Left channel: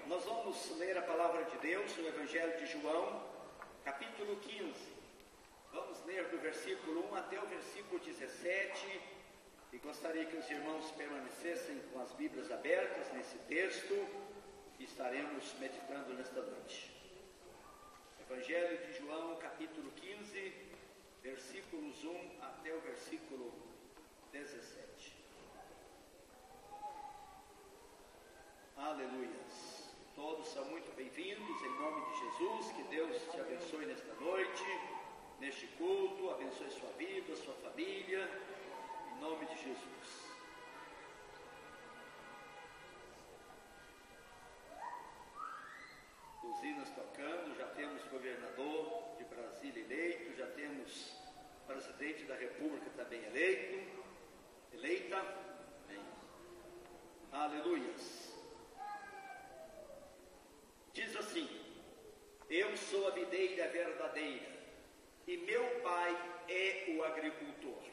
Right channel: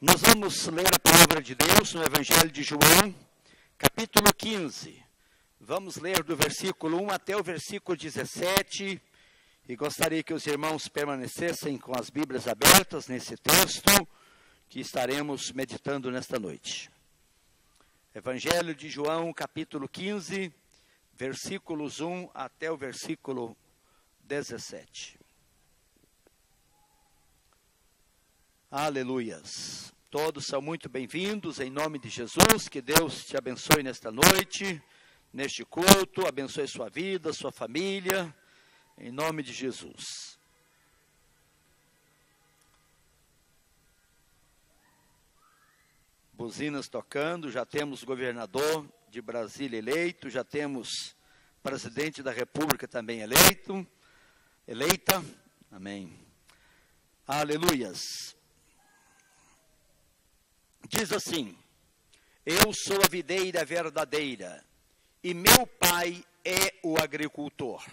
Nós vamos ler a palavra de Deus no Evangelho de João, capítulo 15. Vamos ler do versículo 1 até o versículo 17. E gostaria que os irmãos permanecessem com as Bíblias abertas nesse texto que estaremos meditando nesta noite. Evangelho de João, capítulo 15, versículos 1 até o versículo 17. Aleluias. Todos são muito bem-vindos em nome de Jesus. Que Deus te abençoe nesta noite, neste culto, abençoe sua vida, sua família, em nome de Jesus. Buzinas tocando, já temos governador de Brasília eleito, já temos presidente da República também eleita, amém. Aleluias. Diz assim: eu sou a videira verdadeira, e meu pai é o agricultor.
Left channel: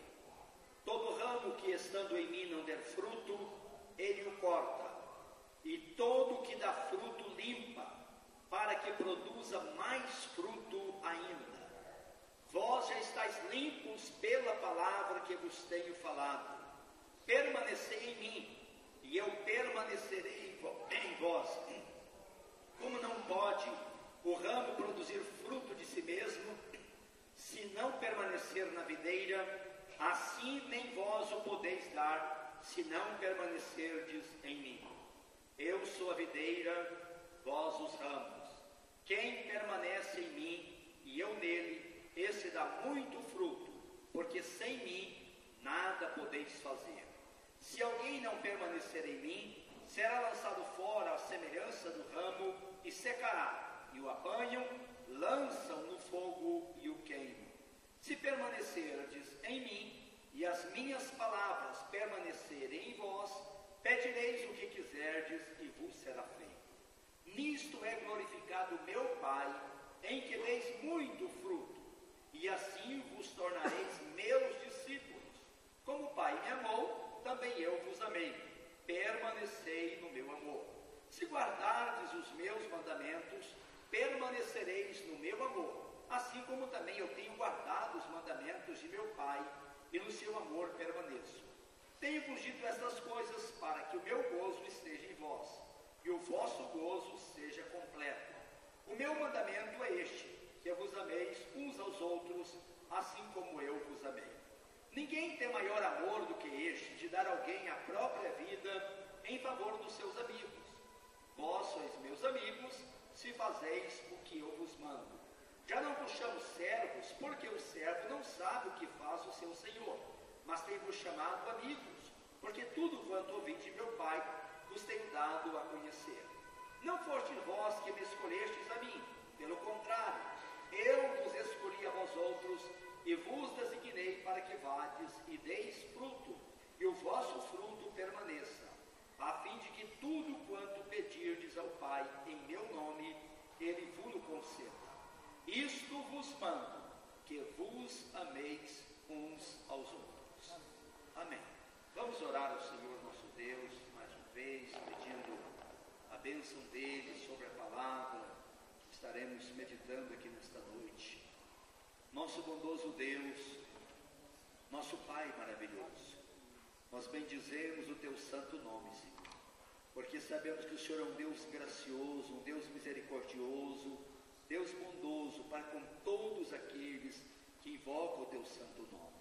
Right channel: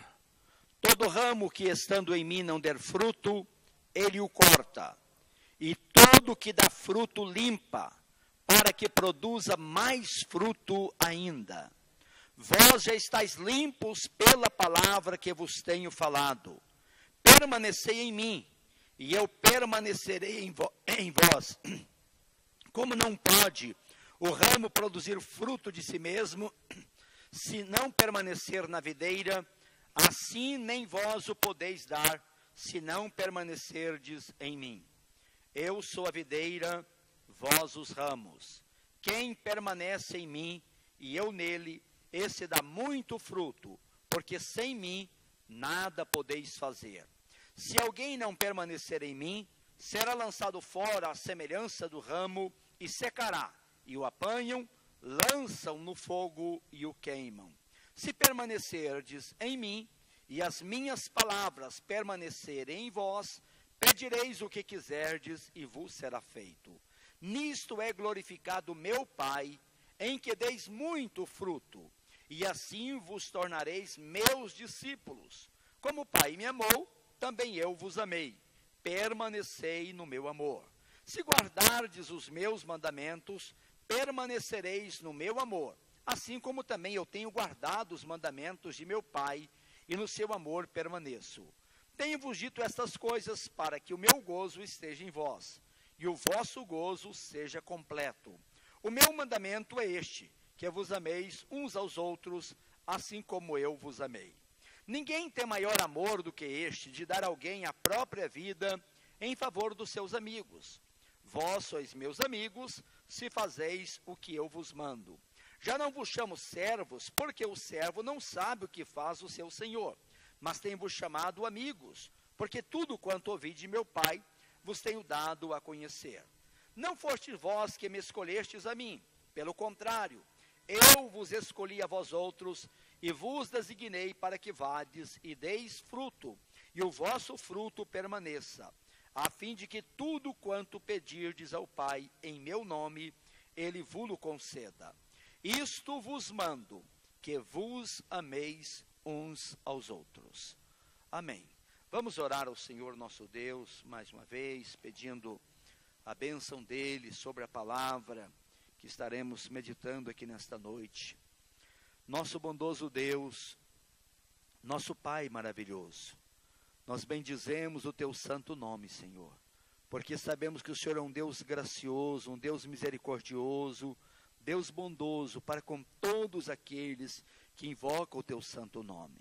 Todo ramo que estando em mim não der fruto, ele o corta, e todo que dá fruto limpa, para que produza mais fruto ainda. Vós já estáis limpos pela palavra que vos tenho falado. Permanecei em mim, e eu permanecerei em vós. Como não pode o ramo produzir fruto de si mesmo, se não permanecer na videira, assim nem vós o podeis dar, se não permanecerdes em mim. Eu sou a videira, vós os ramos. Quem permanece em mim e eu nele, esse dá muito fruto, porque sem mim nada podeis fazer. Se alguém não permanecer em mim, será lançado fora à semelhança do ramo e secará, e o apanham, lançam no fogo e o queimam. Se permanecerdes em mim, e as minhas palavras permanecerem em vós, pedireis o que quiserdes, e vos será feito. Nisto é glorificado meu Pai, em que deis muito fruto, e assim vos tornareis meus discípulos. Como o Pai me amou, também eu vos amei. Permanecei no meu amor. Se guardardes os meus mandamentos, permanecereis no meu amor, assim como também eu tenho guardado os mandamentos de meu Pai, e no seu amor permaneço. Tenho-vos dito estas coisas para que o meu gozo esteja em vós, e o vosso gozo seja completo. O meu mandamento é este, que vos ameis uns aos outros, assim como eu vos amei. Ninguém tem maior amor do que este, de dar a alguém a própria vida em favor dos seus amigos. Vós sois meus amigos, se fazeis o que eu vos mando. Já não vos chamo servos, porque o servo não sabe o que faz o seu senhor, mas tenho-vos chamado amigos, porque tudo quanto ouvi de meu Pai, vos tenho dado a conhecer. Não fostes vós que me escolhestes a mim, pelo contrário, eu vos escolhi a vós outros, e vos designei para que vades e deis fruto, e o vosso fruto permaneça, a fim de que tudo quanto pedirdes ao Pai em meu nome, ele vos conceda. Isto vos mando, que vos ameis uns aos outros. Amém. Vamos orar ao Senhor nosso Deus, mais uma vez, pedindo a bênção dele sobre a palavra que estaremos meditando aqui nesta noite. Nosso bondoso Deus, nosso Pai maravilhoso, nós bendizemos o teu santo nome, Senhor, porque sabemos que o Senhor é um Deus gracioso, um Deus misericordioso, Deus bondoso para com todos aqueles que invocam o teu santo nome.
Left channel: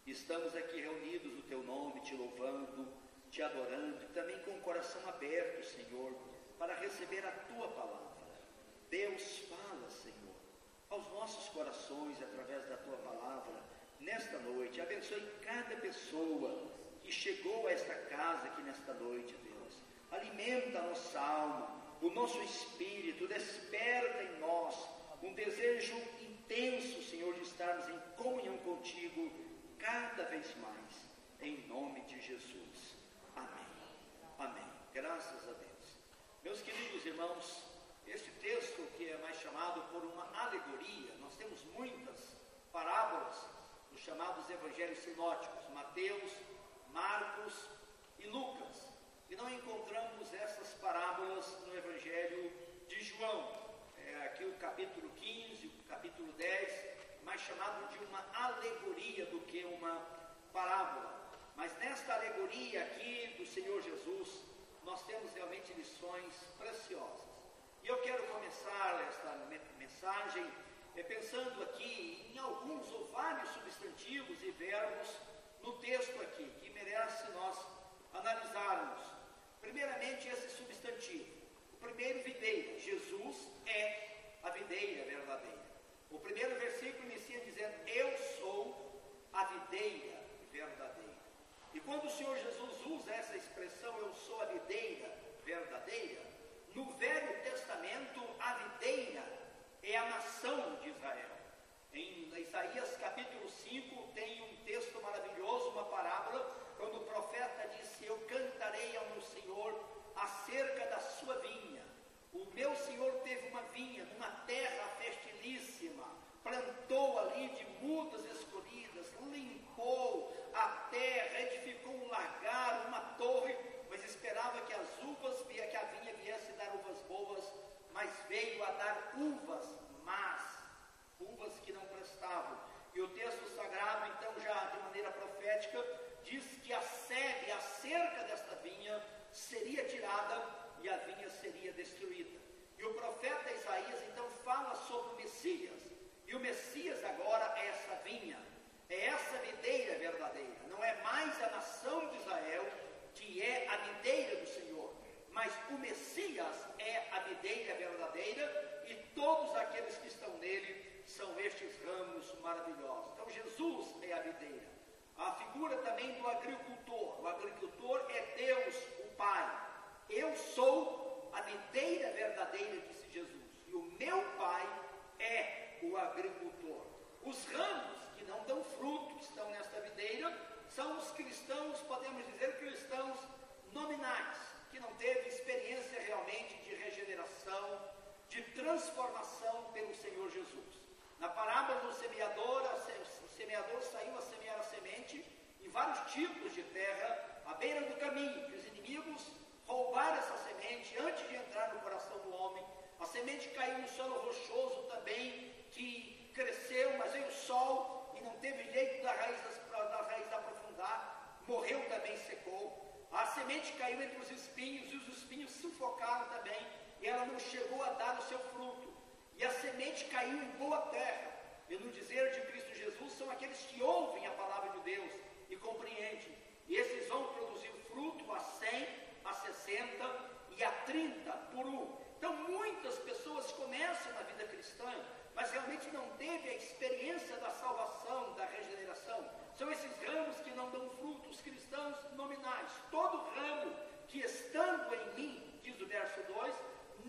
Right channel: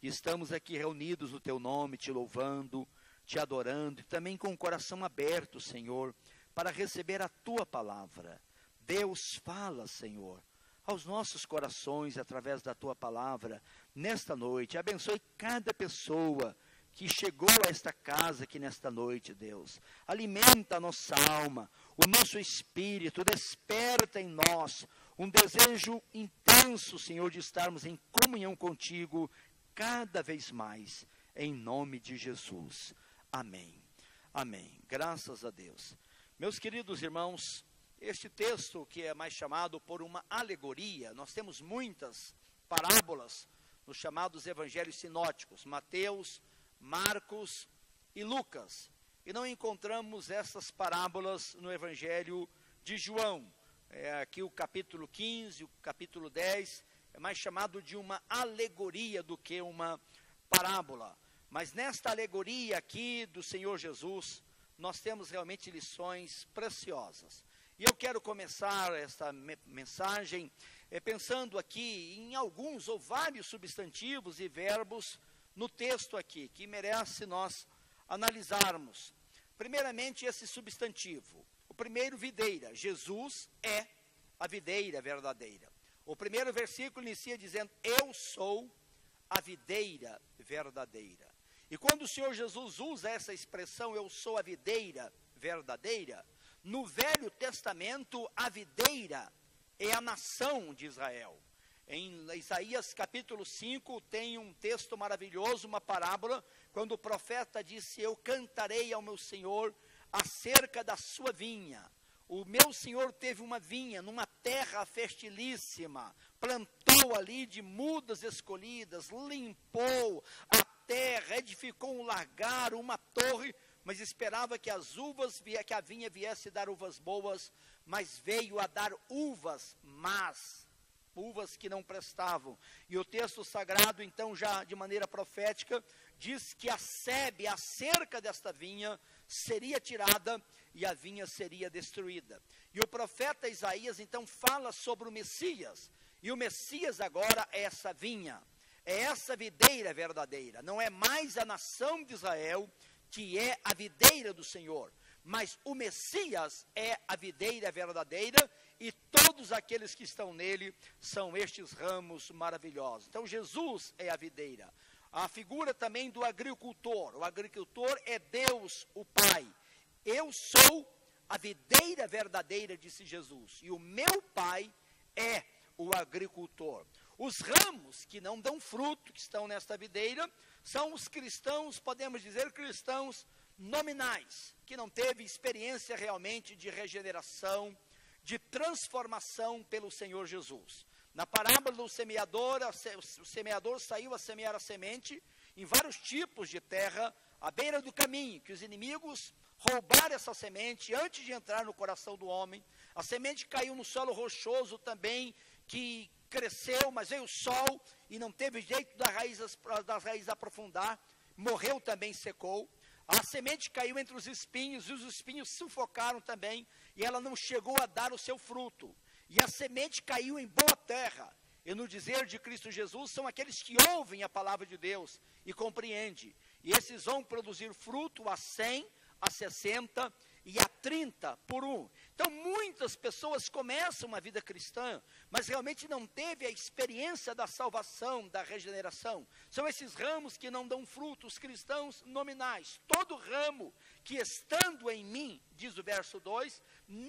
E estamos aqui reunidos no teu nome, te louvando, te adorando, e também com o coração aberto, Senhor, para receber a tua palavra. Deus, fala, Senhor, aos nossos corações através da tua palavra nesta noite. Abençoe cada pessoa que chegou a esta casa aqui nesta noite, Deus. Alimenta a nossa alma, o nosso espírito, desperta em nós um desejo intenso, Senhor, de estarmos em comunhão contigo cada vez mais, em nome de Jesus. Amém. Amém. Graças a Deus. Meus queridos irmãos, este texto que é mais chamado por uma alegoria, nós temos muitas parábolas nos chamados evangelhos sinóticos, Mateus, Marcos e Lucas. e não encontramos essas parábolas no Evangelho de João. Aqui o capítulo 15, o capítulo 10, é mais chamado de uma alegoria do que uma parábola. Mas nesta alegoria aqui do Senhor Jesus, nós temos realmente lições preciosas. E eu quero começar esta mensagem pensando aqui em alguns ou vários substantivos e verbos no texto aqui, que merece nós analisarmos. Primeiramente, esse substantivo. O primeiro, videira. Jesus é a videira verdadeira. O primeiro versículo inicia dizendo: eu sou a videira verdadeira. E quando o Senhor Jesus usa essa expressão, eu sou a videira verdadeira, no Velho Testamento, a videira é a nação de Israel. Em Isaías capítulo 5 tem um texto maravilhoso, uma parábola, quando o profeta disse: eu cantarei ao meu Senhor acerca da sua vinha. O meu Senhor teve uma vinha numa terra fertilíssima, plantou ali de mudas escolhidas, limpou a terra, edificou um lagar, uma torre, mas esperava que as uvas, que a vinha viesse dar uvas boas, mas veio a dar uvas más, uvas que não prestavam. E o texto sagrado, então, já de maneira profética, diz que a sebe, a cerca desta vinha, seria tirada e a vinha seria destruída. E o profeta Isaías, então, fala sobre o Messias. E o Messias agora é essa vinha, é essa videira verdadeira. Não é mais a nação de Israel que é a videira do Senhor, mas o Messias é a videira verdadeira, e todos aqueles que estão nele são estes ramos maravilhosos. Então Jesus é a videira. A figura também do agricultor. O agricultor é Deus, o Pai. Eu sou a videira verdadeira, disse Jesus, e o meu Pai é o agricultor. Os ramos que não dão fruto, que estão nesta videira, são os cristãos, podemos dizer, cristãos nominais, que não teve experiência realmente de regeneração, de transformação pelo Senhor Jesus. Na parábola do semeador, o semeador saiu a semear a semente em vários tipos de terra, à beira do caminho, que os inimigos roubaram essa semente antes de entrar no coração do homem. A semente caiu no solo rochoso também, que cresceu, mas veio o sol e não teve jeito das raízes aprofundar, morreu também, secou. A semente caiu entre os espinhos, e os espinhos sufocaram também, e ela não chegou a dar o seu fruto. E a semente caiu em boa terra, e no dizer de Cristo Jesus, são aqueles que ouvem a palavra de Deus e compreendem, e esses vão produzir fruto a 100, a 60 e a 30 por um. Então muitas pessoas começam a vida cristã, mas realmente não teve a experiência da salvação, da regeneração. São esses ramos que não dão frutos, cristãos nominais. Todo ramo que estando em mim, diz o verso 2,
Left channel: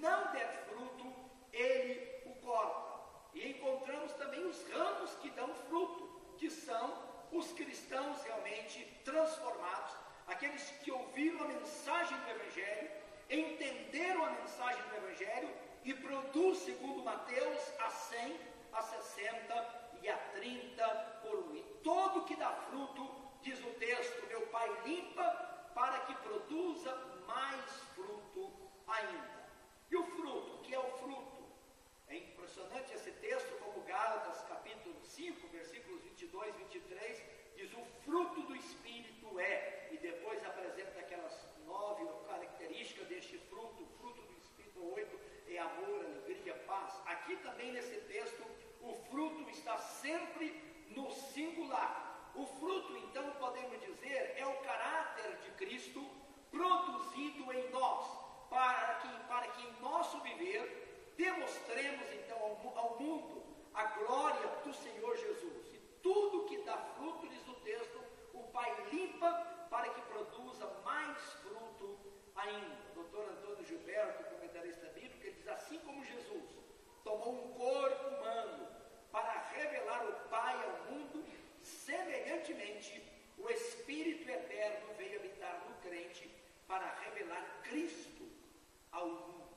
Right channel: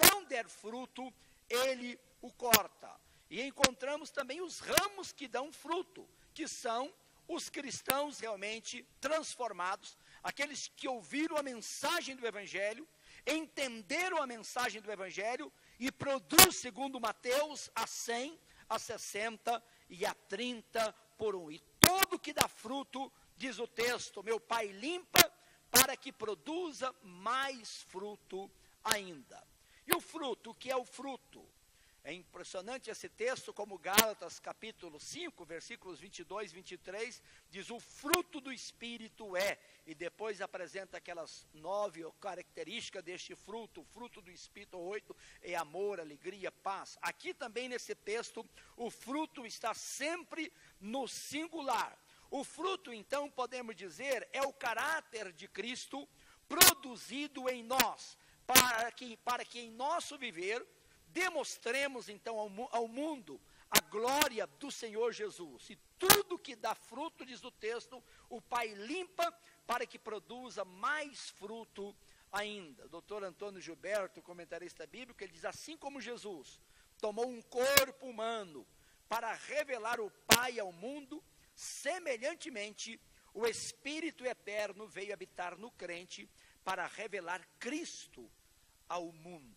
não der fruto, ele o corta. E encontramos também os ramos que dão fruto, que são os cristãos realmente transformados, aqueles que ouviram a mensagem do Evangelho, entenderam a mensagem do Evangelho e produz, segundo Mateus, a 100, a 60 e a 30 por um. E todo que dá fruto, diz o texto, meu Pai limpa para que produza mais fruto ainda. E o fruto, o que é o fruto? É impressionante esse texto, como Gálatas capítulo 5, versículos 22 e 23, diz: o fruto do Espírito é, e depois apresenta aquelas 9 características deste fruto. O fruto do Espírito, 8, é amor, alegria, paz. Aqui também nesse texto, o fruto está sempre no singular. O fruto, então, podemos dizer, é o caráter de Cristo produzido em nós, para que em nosso viver demonstremos então ao mundo a glória do Senhor Jesus. E tudo que dá fruto, diz o texto, o Pai limpa para que produza mais fruto ainda. Dr. Antônio Gilberto, comentarista bíblico, ele diz: assim como Jesus tomou um corpo humano para revelar o Pai ao mundo, semelhantemente o Espírito Eterno veio habitar no crente para revelar Cristo ao mundo.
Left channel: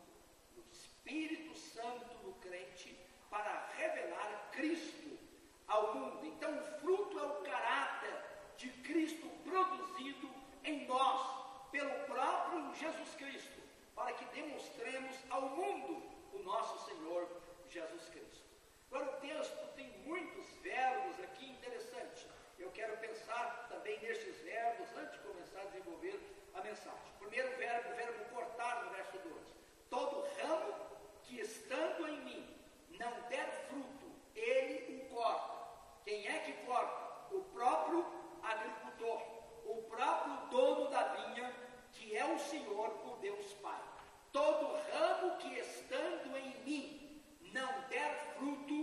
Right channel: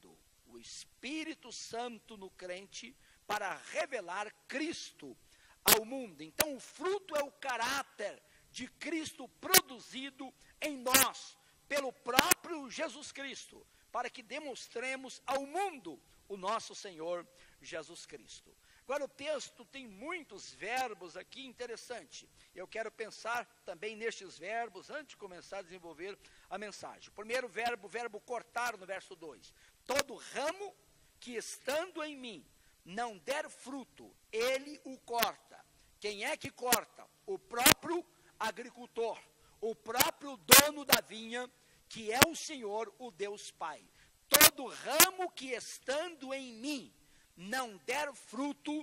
O Espírito Santo no crente para revelar Cristo ao mundo. Então o fruto é o caráter de Cristo produzido em nós, pelo próprio Jesus Cristo, para que demonstremos ao mundo o nosso Senhor Jesus Cristo. Agora, o texto tem muitos verbos aqui interessantes. Eu quero pensar também nestes verbos antes de começar a desenvolver a mensagem. O primeiro verbo, o verbo cortar, no verso 2. Todo ramo que estando em mim não der fruto, ele o corta. Quem é que corta? O próprio agricultor, o próprio dono da vinha, que é o Senhor, o Deus Pai. Todo ramo que estando em mim não der fruto,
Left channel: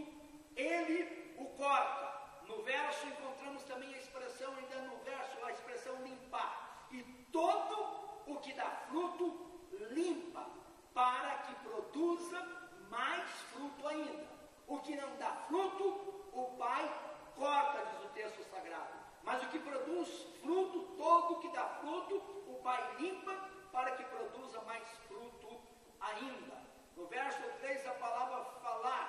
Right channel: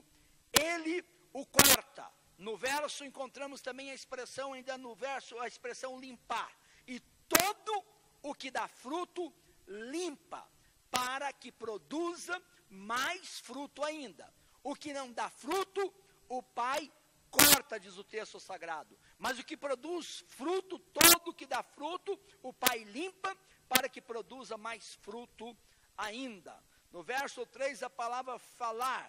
ele o corta. No verso encontramos também a expressão, ainda no verso, a expressão limpar. E todo o que dá fruto, limpa, para que produza mais fruto ainda. O que não dá fruto, o Pai corta, diz o texto sagrado. Mas o que produz fruto, todo o que dá fruto, o Pai limpa, para que produza mais fruto ainda. No verso 3, a palavra falar,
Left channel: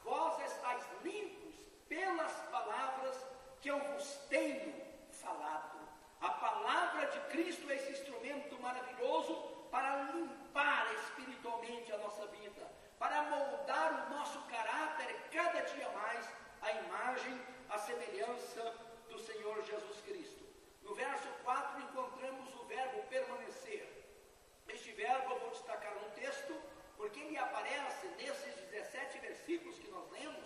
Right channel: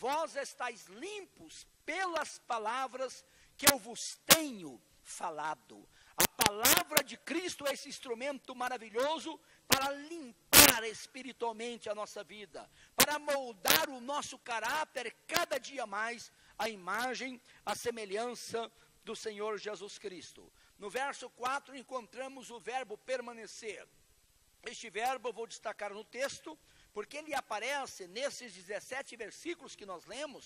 vós estáis limpos pelas palavras que eu vos tenho falado. A palavra de Cristo é esse instrumento maravilhoso para limpar espiritualmente a nossa vida, para moldar o nosso caráter cada dia mais à imagem, à semelhança do Senhor Jesus Cristo. No verso 4 encontramos o verbo permanecer. Este verbo eu vou destacar no texto, porque ele aparece nesses 17 versículos que nós lemos.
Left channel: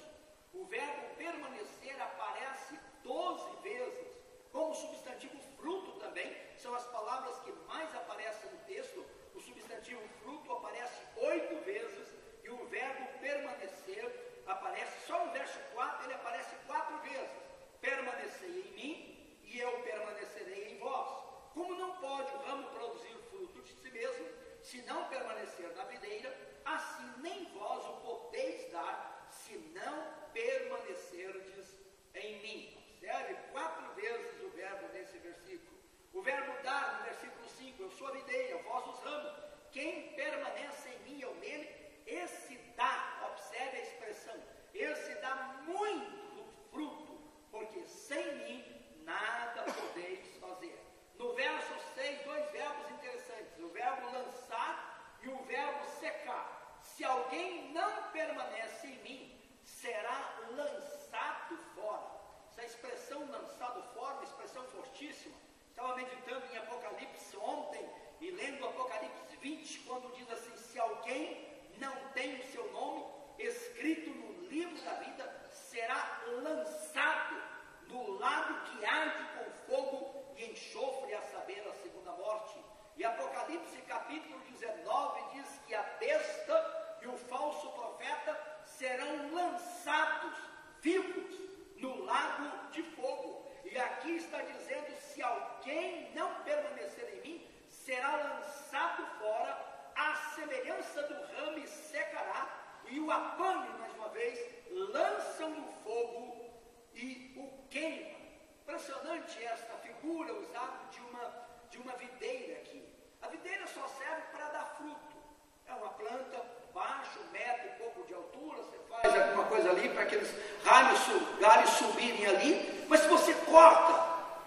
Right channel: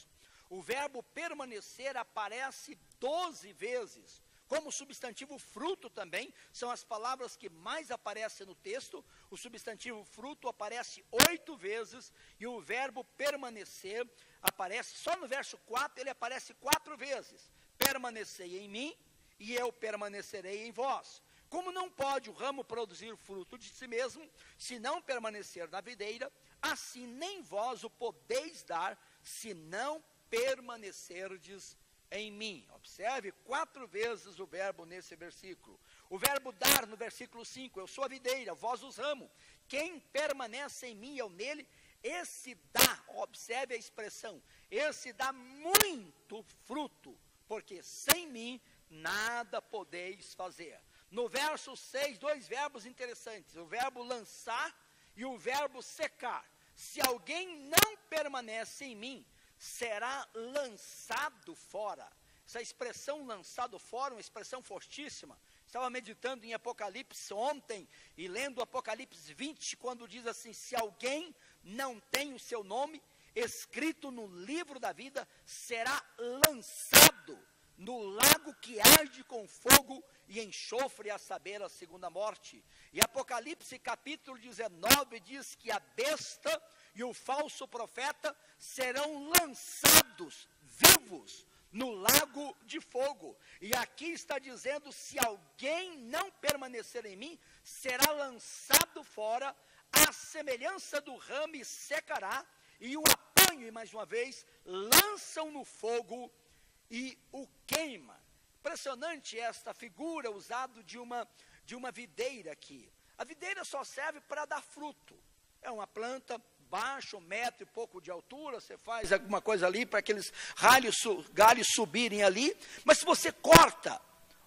O verbo permanecer aparece 12 vezes, como substantivo fruto também, são as palavras que mais aparecem no texto. O substantivo fruto aparece 8 vezes, e o verbo permanecer aparece, só no verso 4, ele aparece 4 vezes. Permanecei em mim, e eu permanecerei em vós. Como não pode o ramo produzir fruto de si mesmo, se não permanecer na videira, assim nem vós o podeis dar, se não permanecerdes em mim. Observe 4 vezes o verbo nesse versículo. O verbo dar no versículo 5, eu sou a videira, vós os ramos. Quem permanece em mim, eu nele, esse dá, observe a expressão, esse dá muito fruto, porque sem mim nada podeis fazer. No verso 6, 2 verbos interessantes, o verbo lançar e o verbo secar. Se alguém não permanece em mim, será lançado fora. Essa expressão lançado fora, uma expressão fortíssima. Estava meditando em Apocalipse ontem e lendo Apocalipse 20, quando diz assim: se alguém não tem o seu nome escrito no livro da vida, será lançado no lago que arde com fogo e enxofre, a saber, a segunda morte. E Apocalipse capítulo 19 diz que a besta e o falso profeta serão lançados vivos no lago de fogo. E aqui está dizendo: se alguém não permanecer em mim, será lançado fora, à semelhança do ramo, e secará, e o apanham, mais uma vez, lançam no fogo e o queima. Impressionante esta figura usada de uma videira aqui. A videira só serve para dar fruto. É uma planta baixa, 1 metro e pouco de altura, você faz alguma coisa ali para aqueles galhos subirem ali, mas se você corta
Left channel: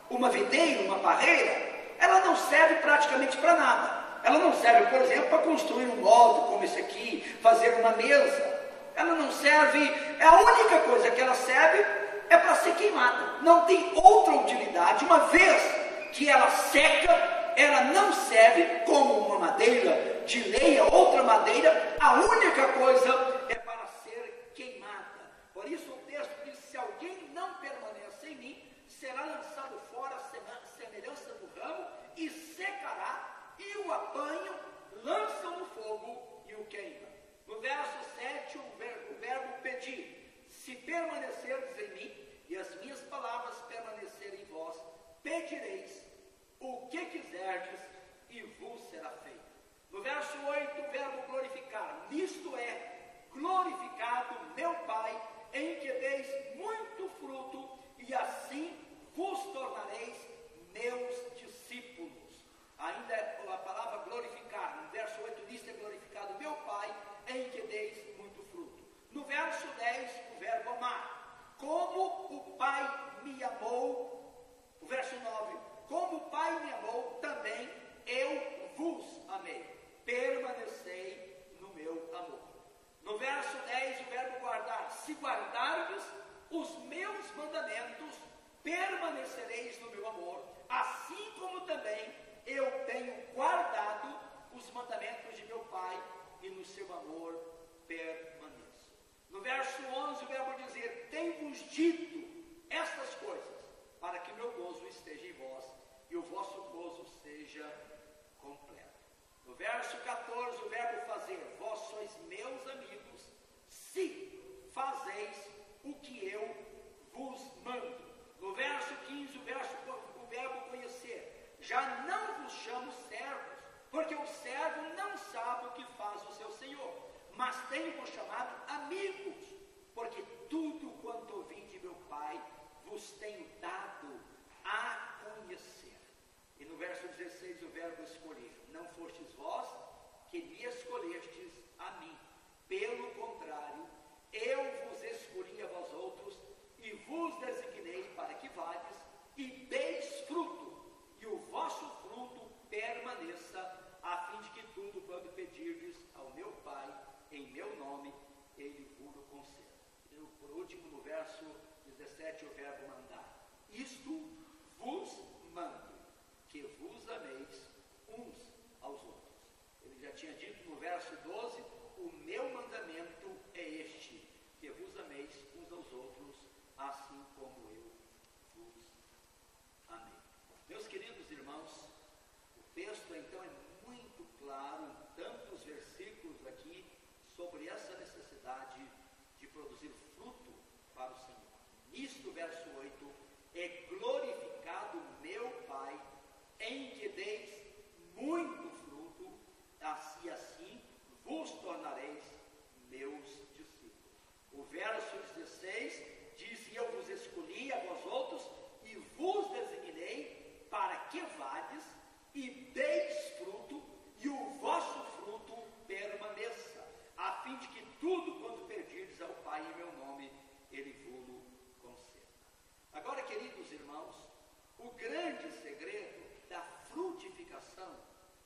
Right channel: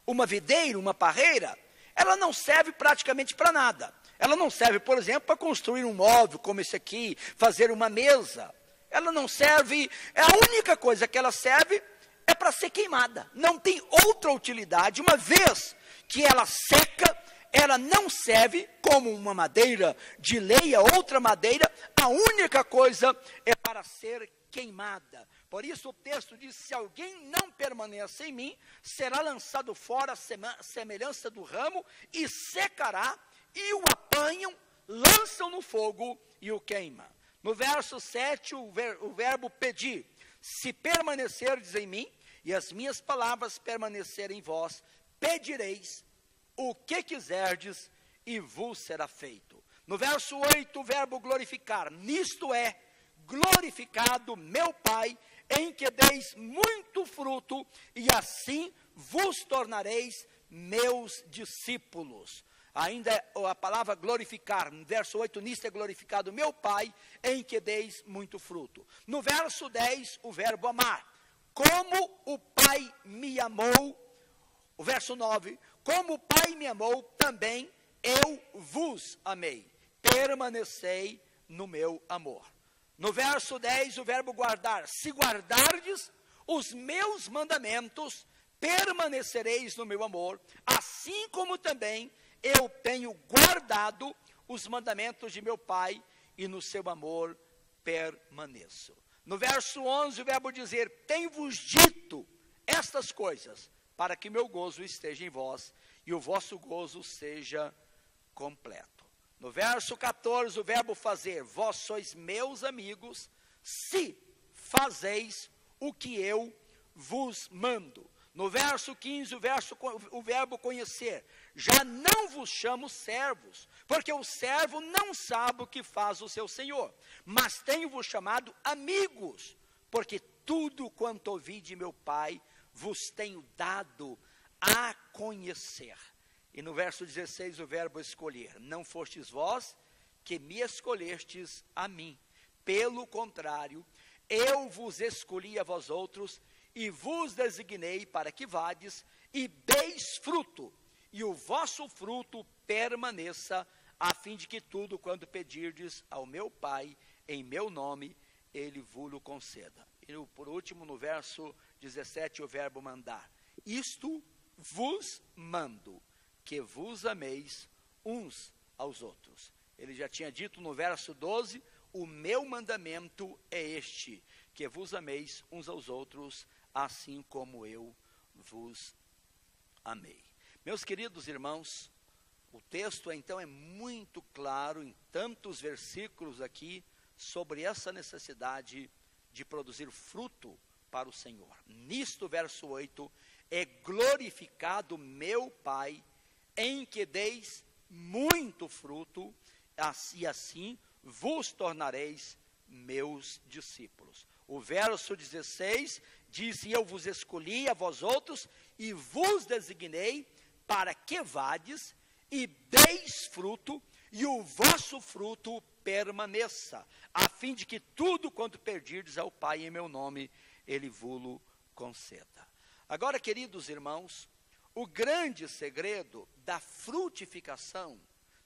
uma videira, uma parreira, ela não serve praticamente para nada. Ela não serve, por exemplo, para construir um móvel como esse aqui, fazer uma mesa. Ela não serve, a única coisa que ela serve é para ser queimada. Não tem outra utilidade. Uma vez que ela seca, ela não serve como uma madeira de lenha, outra madeira. A única coisa é para ser queimada. Por isso o texto diz: se alguém não permanece em mim, será lançado fora à semelhança do ramo, e secará, e o apanham, lançam no fogo e o queimam. No verso 7, o verbo pedir: se permanecerdes em mim, e as minhas palavras permanecerem em vós, pedireis o que quiserdes, e vos será feito. No verso 8, o verbo glorificar: nisto é glorificado meu Pai, em que deis muito fruto, e assim vos tornareis meus discípulos. Ainda a palavra glorificar, no verso 8, nisto é glorificado meu Pai, em que deis muito fruto. No verso 10, o verbo amar: como o Pai me amou. O verso 9, como o Pai me amou, também eu vos amei. Permanecei no meu amor. No verso 10, o verbo guardar. Se guardardes os meus mandamentos, permanecereis no meu amor, assim como também eu tenho guardado os mandamentos de meu Pai, e no seu amor permaneço. No verso 11, o verbo dizer, tenho-vos dito estas coisas, para que meu gozo esteja em vós, e o vosso gozo seja completo. No verso 14, o verbo fazer, vós sois meus amigos, se fazeis o que eu vos mando. No verso 15, o verbo conhecer, já não vos chamo servos, porque o servo não sabe o que faz o seu senhor, mas tenho-vos chamado amigos, porque tudo quanto ouvi de meu Pai, vos tenho dado a conhecer. E no verso 16, o verbo escolher, não fostes vós que me escolhestes a mim, pelo contrário, eu vos escolhi a vós outros, e vos designei para que vades e deis fruto, e o vosso fruto permaneça, a fim de que tudo quando pedirdes ao meu Pai, em meu nome, ele vos conceda. E por último, no verso 17, o verbo mandar, isto vos mando, que vos ameis uns aos outros. Ele já tinha dito no verso 12, o meu mandamento é este, que vos ameis uns aos outros, assim como eu vos amei. Meus queridos irmãos, o texto então é muito claro, em tantos versículos aqui, sobre essa necessidade de produzir fruto para o Senhor. Nisto, verso 8, é glorificado meu Pai, em que deis muito fruto, e assim vos tornareis meus discípulos. O verso 16 diz, eu vos escolhi a vós outros, e vos designei para que vades, e deis fruto, e o vosso fruto permaneça, a fim de que tudo quanto pedirdes ao Pai em meu nome, ele vos conceda. Agora, queridos irmãos, o grande segredo da frutificação,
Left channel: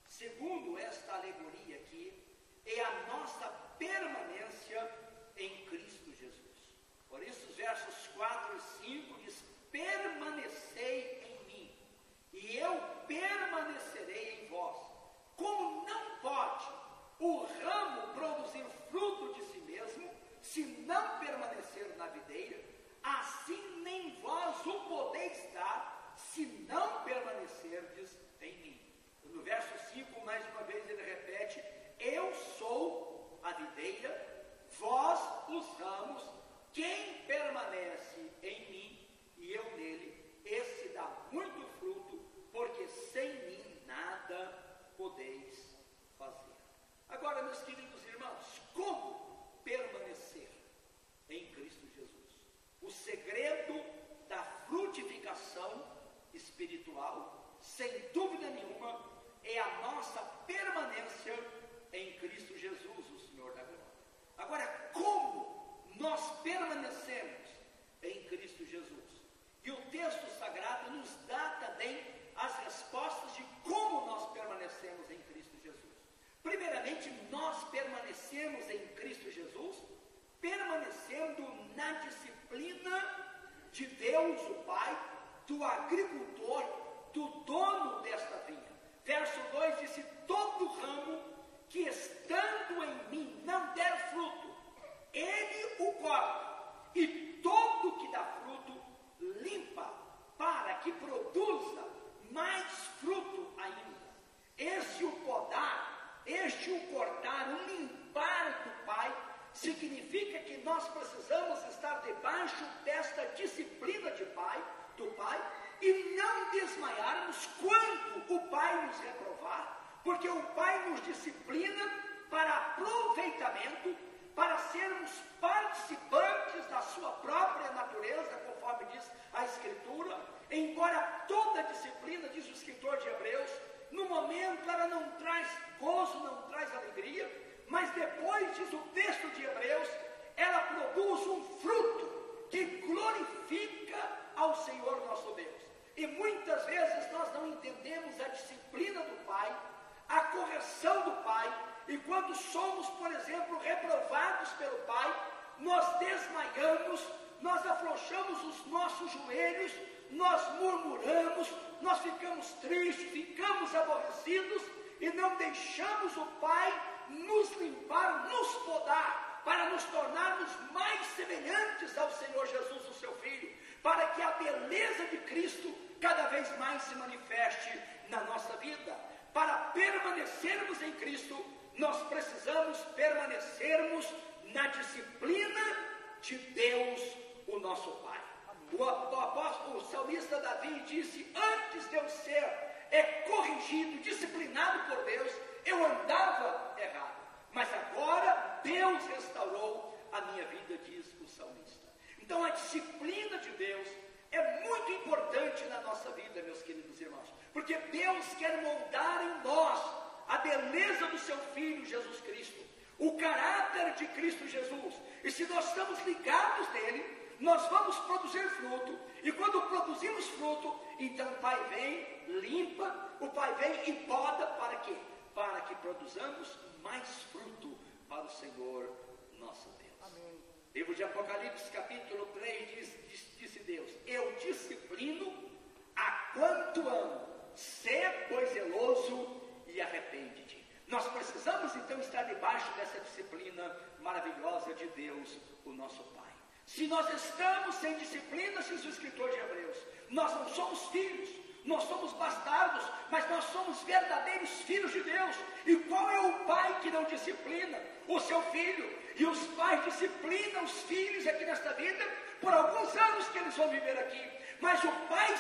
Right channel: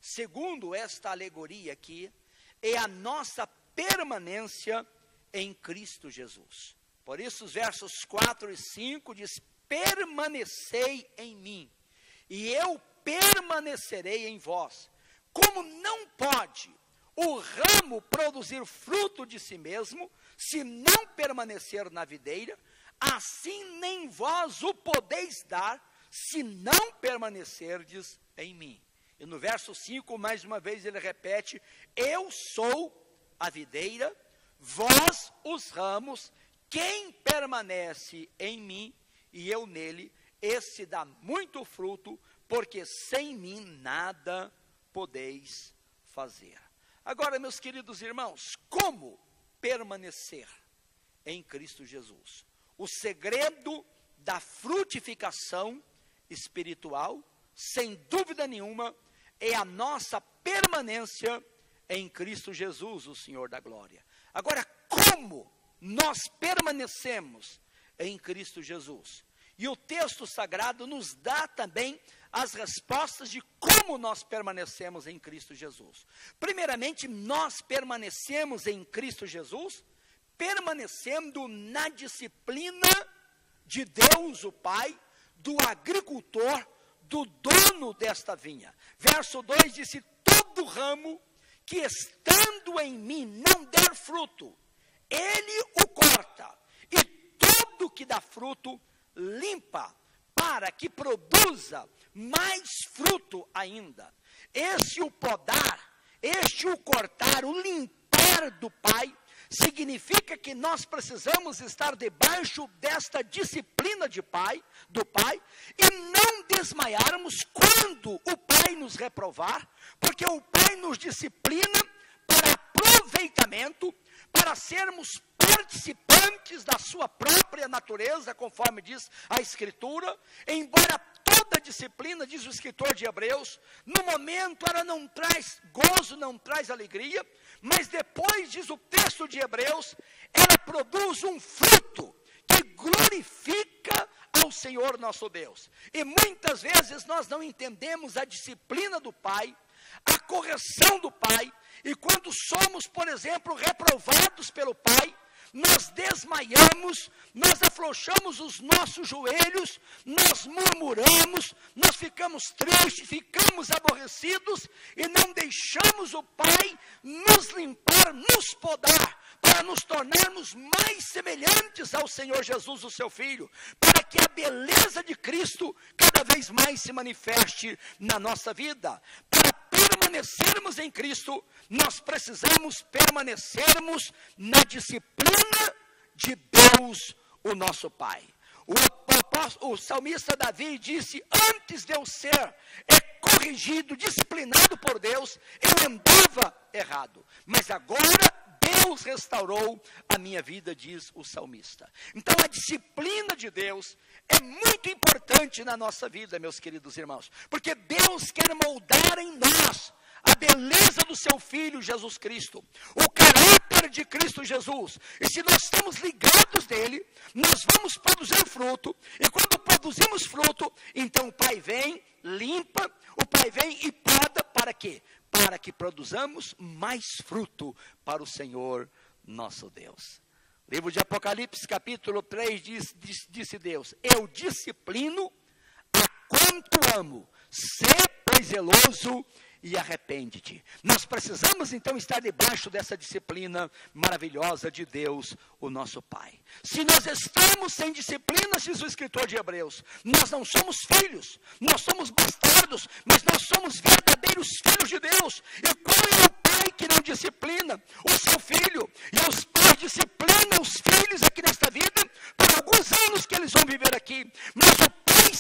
segundo esta alegoria aqui, é a nossa permanência em Cristo Jesus. Por isso os versos 4 e 5 diz, permanecei em mim, e eu permanecerei em vós. Como não pode o ramo produzir fruto de si mesmo, se não permanecer na videira, assim nem vós o podeis dar, se não permanecerdes em mim. E no verso 5, mais uma vez ele repete, eu sou a videira, vós os ramos, quem permanece em mim e eu nele, esse dá muito fruto, porque sem mim nada podeis fazer. Agora, meus queridos irmãos, como permanecer em Cristo Jesus? O segredo da frutificação espiritual, sem dúvida nenhuma, é a nossa permanência em Cristo Jesus, o Senhor da glória. Agora, como nós permanecemos em Cristo Jesus? E o texto sagrado nos dá também as respostas de como nós permanecemos em Cristo Jesus. Primeiramente, nós permanecemos em Cristo Jesus, permanecendo na disciplina de Deus, o Pai, do agricultor, do dono desta vinha. Verso 2 diz, todo ramo que estando em mim não der fruto, ele o corta, e todo que dá fruto, limpa, para que produza mais fruto ainda. Esse o podar, este o cortar, o limpar do Pai, significa que nós precisamos estar debaixo desta disciplina do Pai, e não desmaiarmos quando o Pai nos reprovar, porque o Pai nos disciplina para aproveitamento, para sermos participantes da sua própria natureza, conforme diz a Escritura. Embora toda disciplina, diz o escritor de Hebreus, no momento ela não traz gozo, não traz alegria, mas depois, diz o texto de Hebreus, ela produz um fruto que glorifica ao Senhor Senhor nosso Deus. E muitas vezes nós não entendemos a disciplina do Pai, a correção do Pai, e quando somos, por exemplo, reprovados pelo Pai, nós desmaiamos, nós afrouxamos os nossos joelhos, nós murmuramos, nós ficamos tristes, ficamos aborrecidos e não deixamos o Pai nos limpar, nos podar, para nos tornarmos mais semelhantes ao Senhor Jesus, o seu Filho, para que a beleza de Cristo cada vez mais se manifeste na nossa vida. Para permanecermos em Cristo, nós precisamos permanecermos na disciplina de Deus, o nosso Pai. O salmista Davi disse: antes de eu ser corrigido, disciplinado por Deus, eu andava errado, mas agora Deus restaurou a minha vida, diz o salmista. Então a disciplina de Deus é muito importante na nossa vida, meus queridos irmãos, porque Deus quer moldar em nós a beleza do seu Filho Jesus Cristo, o caráter de Cristo Jesus. E se nós estamos ligados nele, nós vamos produzir fruto, e quando produzimos fruto, então o Pai vem, limpa, o Pai vem e poda, para quê? Para que produzamos mais fruto para o Senhor nosso Deus. Livro de Apocalipse, capítulo 3, disse Deus: eu disciplino a quanto amo, sê pois zeloso e arrepende-te. Nós precisamos então estar debaixo dessa disciplina maravilhosa de Deus, o nosso Pai. Se nós estamos sem disciplina, diz o escritor de Hebreus, nós não somos filhos, nós somos bastardos, mas nós somos verdadeiros filhos de Deus. E qual é o pai que não disciplina o seu filho? E os pais disciplinam os filhos aqui nesta vida, por alguns anos que eles vão viver aqui. Mas o Pai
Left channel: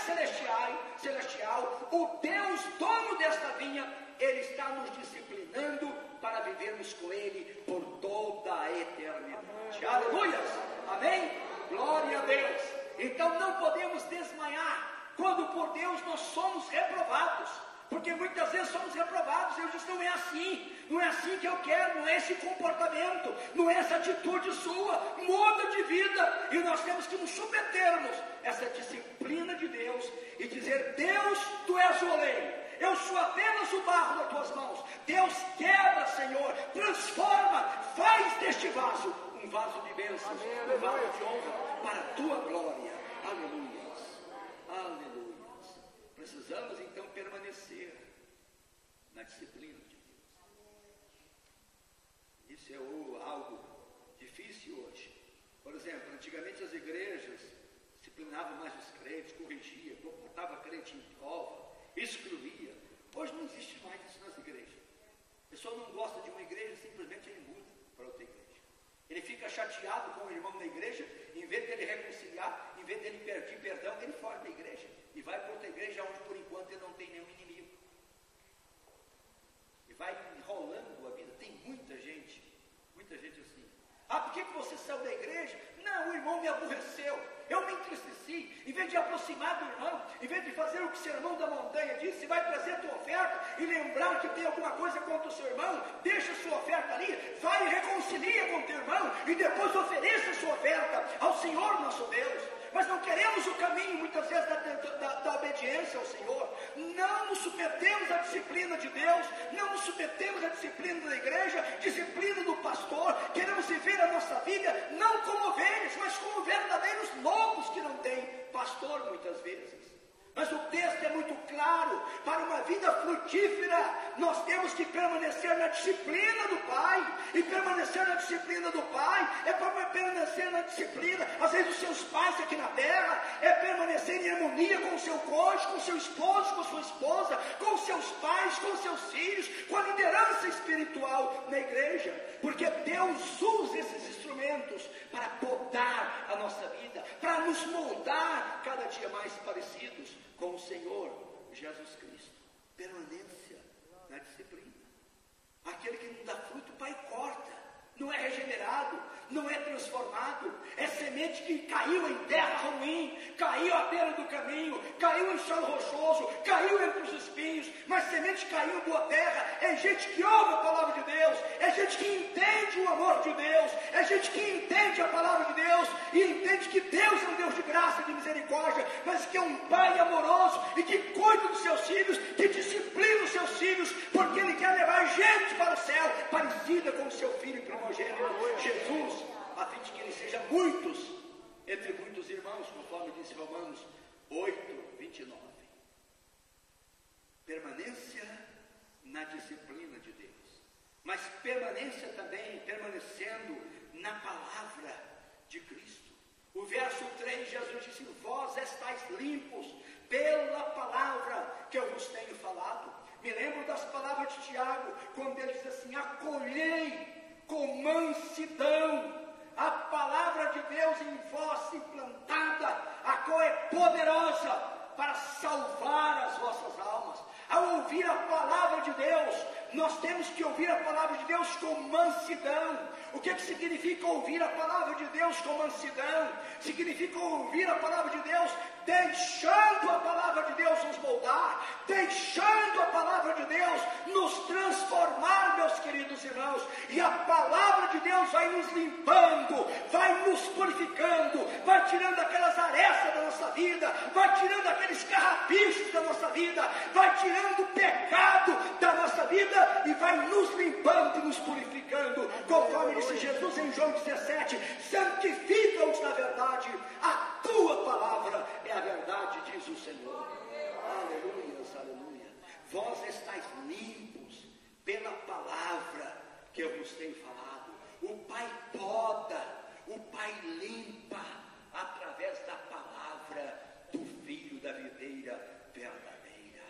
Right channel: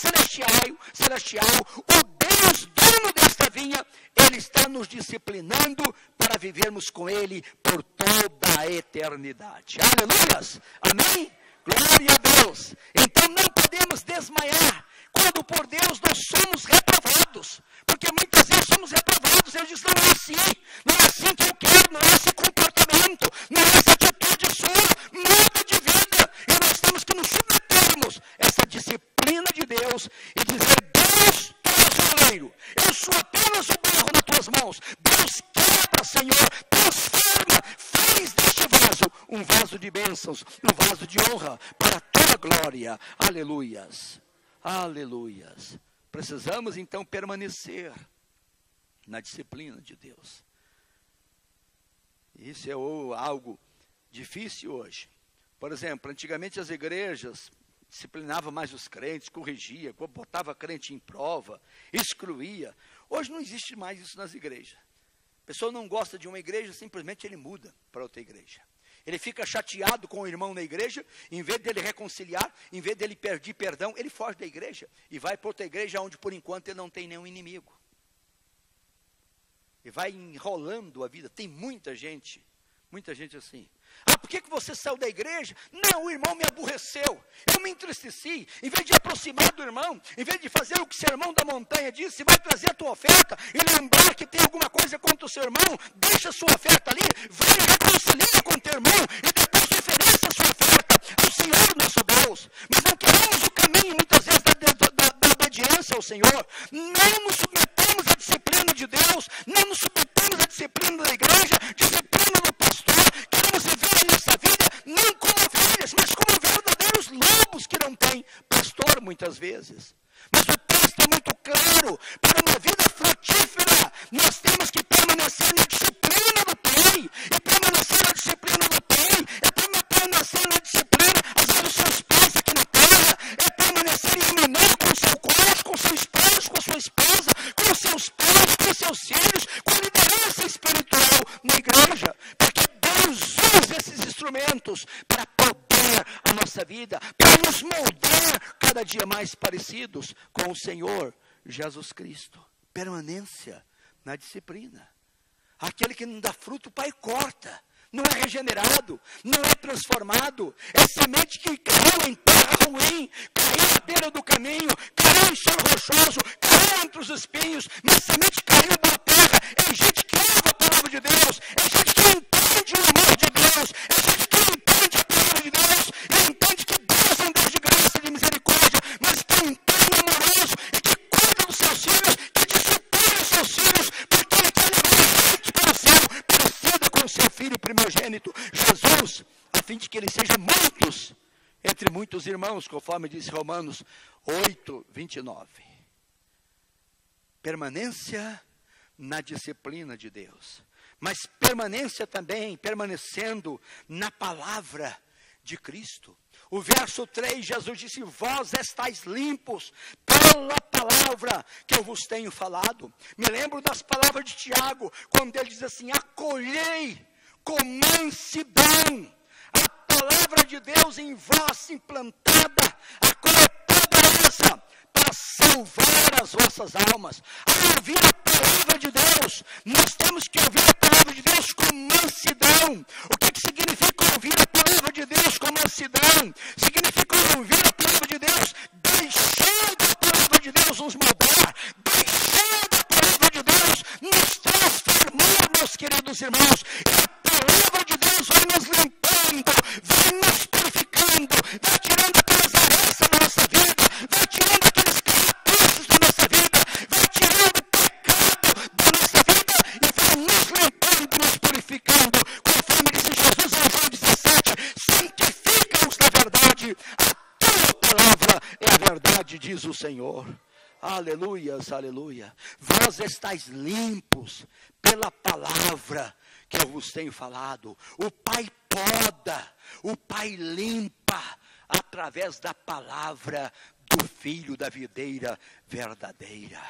celestial, o Deus dono desta vinha, Ele está nos disciplinando para vivermos com Ele por toda a eternidade. Aleluias! Amém? Glória a Deus! Então não podemos desmaiar quando por Deus nós somos reprovados, porque muitas vezes somos reprovados. Ele diz: não é assim que eu quero, não é esse comportamento, não é essa atitude sua, muda de vida. E nós temos que nos submetermos a essa disciplina de Deus e dizer: Deus, tu és o oleiro, eu sou apenas o barro nas tuas mãos. Deus, quebra, Senhor, transforma, faz deste vaso um vaso de bênçãos, um vaso de honra para a tua glória. Aleluias, aleluias. Precisamos então permanecer na disciplina de Deus. Isso é algo difícil hoje. Por exemplo, antigamente as igrejas disciplinavam mais os crentes, corrigia, botava crente em prova, excluía. Hoje não existe mais isso nas igrejas. A pessoa não gosta de uma igreja, simplesmente ele muda para outra igreja. Ele fica chateado com o irmão na igreja, em vez dele reconciliar, em vez dele pedir perdão, ele foge da igreja e vai para outra igreja onde por enquanto ele não tem nenhum inimigo. E vai enrolando a vida. Tem muita gente assim. Ah, por que você saiu da igreja? Não, o irmão me aborreceu, eu me entristeci. Em vez de aproximar do irmão, em vez de fazer o que o sermão da montanha disse, vai trazer a tua oferta e lembrar que tem alguma coisa contra o seu irmão, deixa a sua oferta ali, vai e reconcilia com o teu irmão e depois ofereça a sua oferta ao Senhor nosso Deus. Mas não queremos o caminho muitas vezes da obediência ao Senhor, não nos submetemos à disciplina de Deus, não nos submetemos à disciplina da igreja, disciplina do pastor. Queremos viver a nossa vida não como ovelhas, mas como verdadeiros lobos que não têm pastor muitas vezes. Mas o texto é muito claro: para uma vida frutífera nós temos que permanecer na disciplina do Pai. E permanecer na disciplina do Pai é permanecer na disciplina, às vezes, dos seus pais aqui na terra, é permanecer em harmonia com o seu cônjuge, com o seu esposo, com a sua esposa, com os seus pais, com os seus filhos, com a liderança espiritual na igreja, porque Deus usa esses instrumentos para podar a nossa vida, para nos moldar cada dia mais parecidos com o Senhor Jesus Cristo. Permanência na disciplina. Aquele que não dá fruto, o Pai corta. Não é regenerado, não é transformado. É semente que caiu em terra ruim, caiu à beira do caminho, caiu em solo rochoso, caiu entre os espinhos, mas semente caiu em boa terra. É gente que ama a palavra de Deus, é gente que entende o amor de Deus, é gente que entende a palavra de Deus, e entende que Deus é um Deus de graça e de misericórdia, mas que unigênito, Jesus, a fim de que ele seja muitos, entre muitos irmãos, conforme diz Romanos 8, 29. Permanência na disciplina de Deus, mas permanência também, permanecendo na palavra de Cristo. O verso 3, Jesus disse: vós estáis limpos pela palavra que eu vos tenho falado. Me lembro das palavras de Tiago, quando ele diz assim: acolhei com mansidão a palavra de Deus em vós implantada, a qual é poderosa para salvar as vossas almas. Ao ouvir a palavra de Deus, nós temos que ouvir a palavra de Deus com mansidão. O que significa ouvir a palavra de Deus com mansidão? Significa ouvir a palavra de Deus, deixando a palavra de Deus nos moldar, deixando a palavra de Deus nos transformar, meus queridos irmãos. E a palavra de Deus vai nos limpando, vai nos purificando, vai tirando aquelas arestas da nossa vida, vai tirando aqueles caracteres da nossa vida, vai tirando o pecado da nossa vida e vai nos limpando, nos purificando, conforme disse Jesus em João 17: santifica-os na verdade, a tua palavra é a verdade, diz o Senhor. Aleluias, aleluia. Vós estáis limpos pela palavra que eu vos tenho falado. O Pai poda, o Pai limpa através da palavra do Filho da videira verdadeira.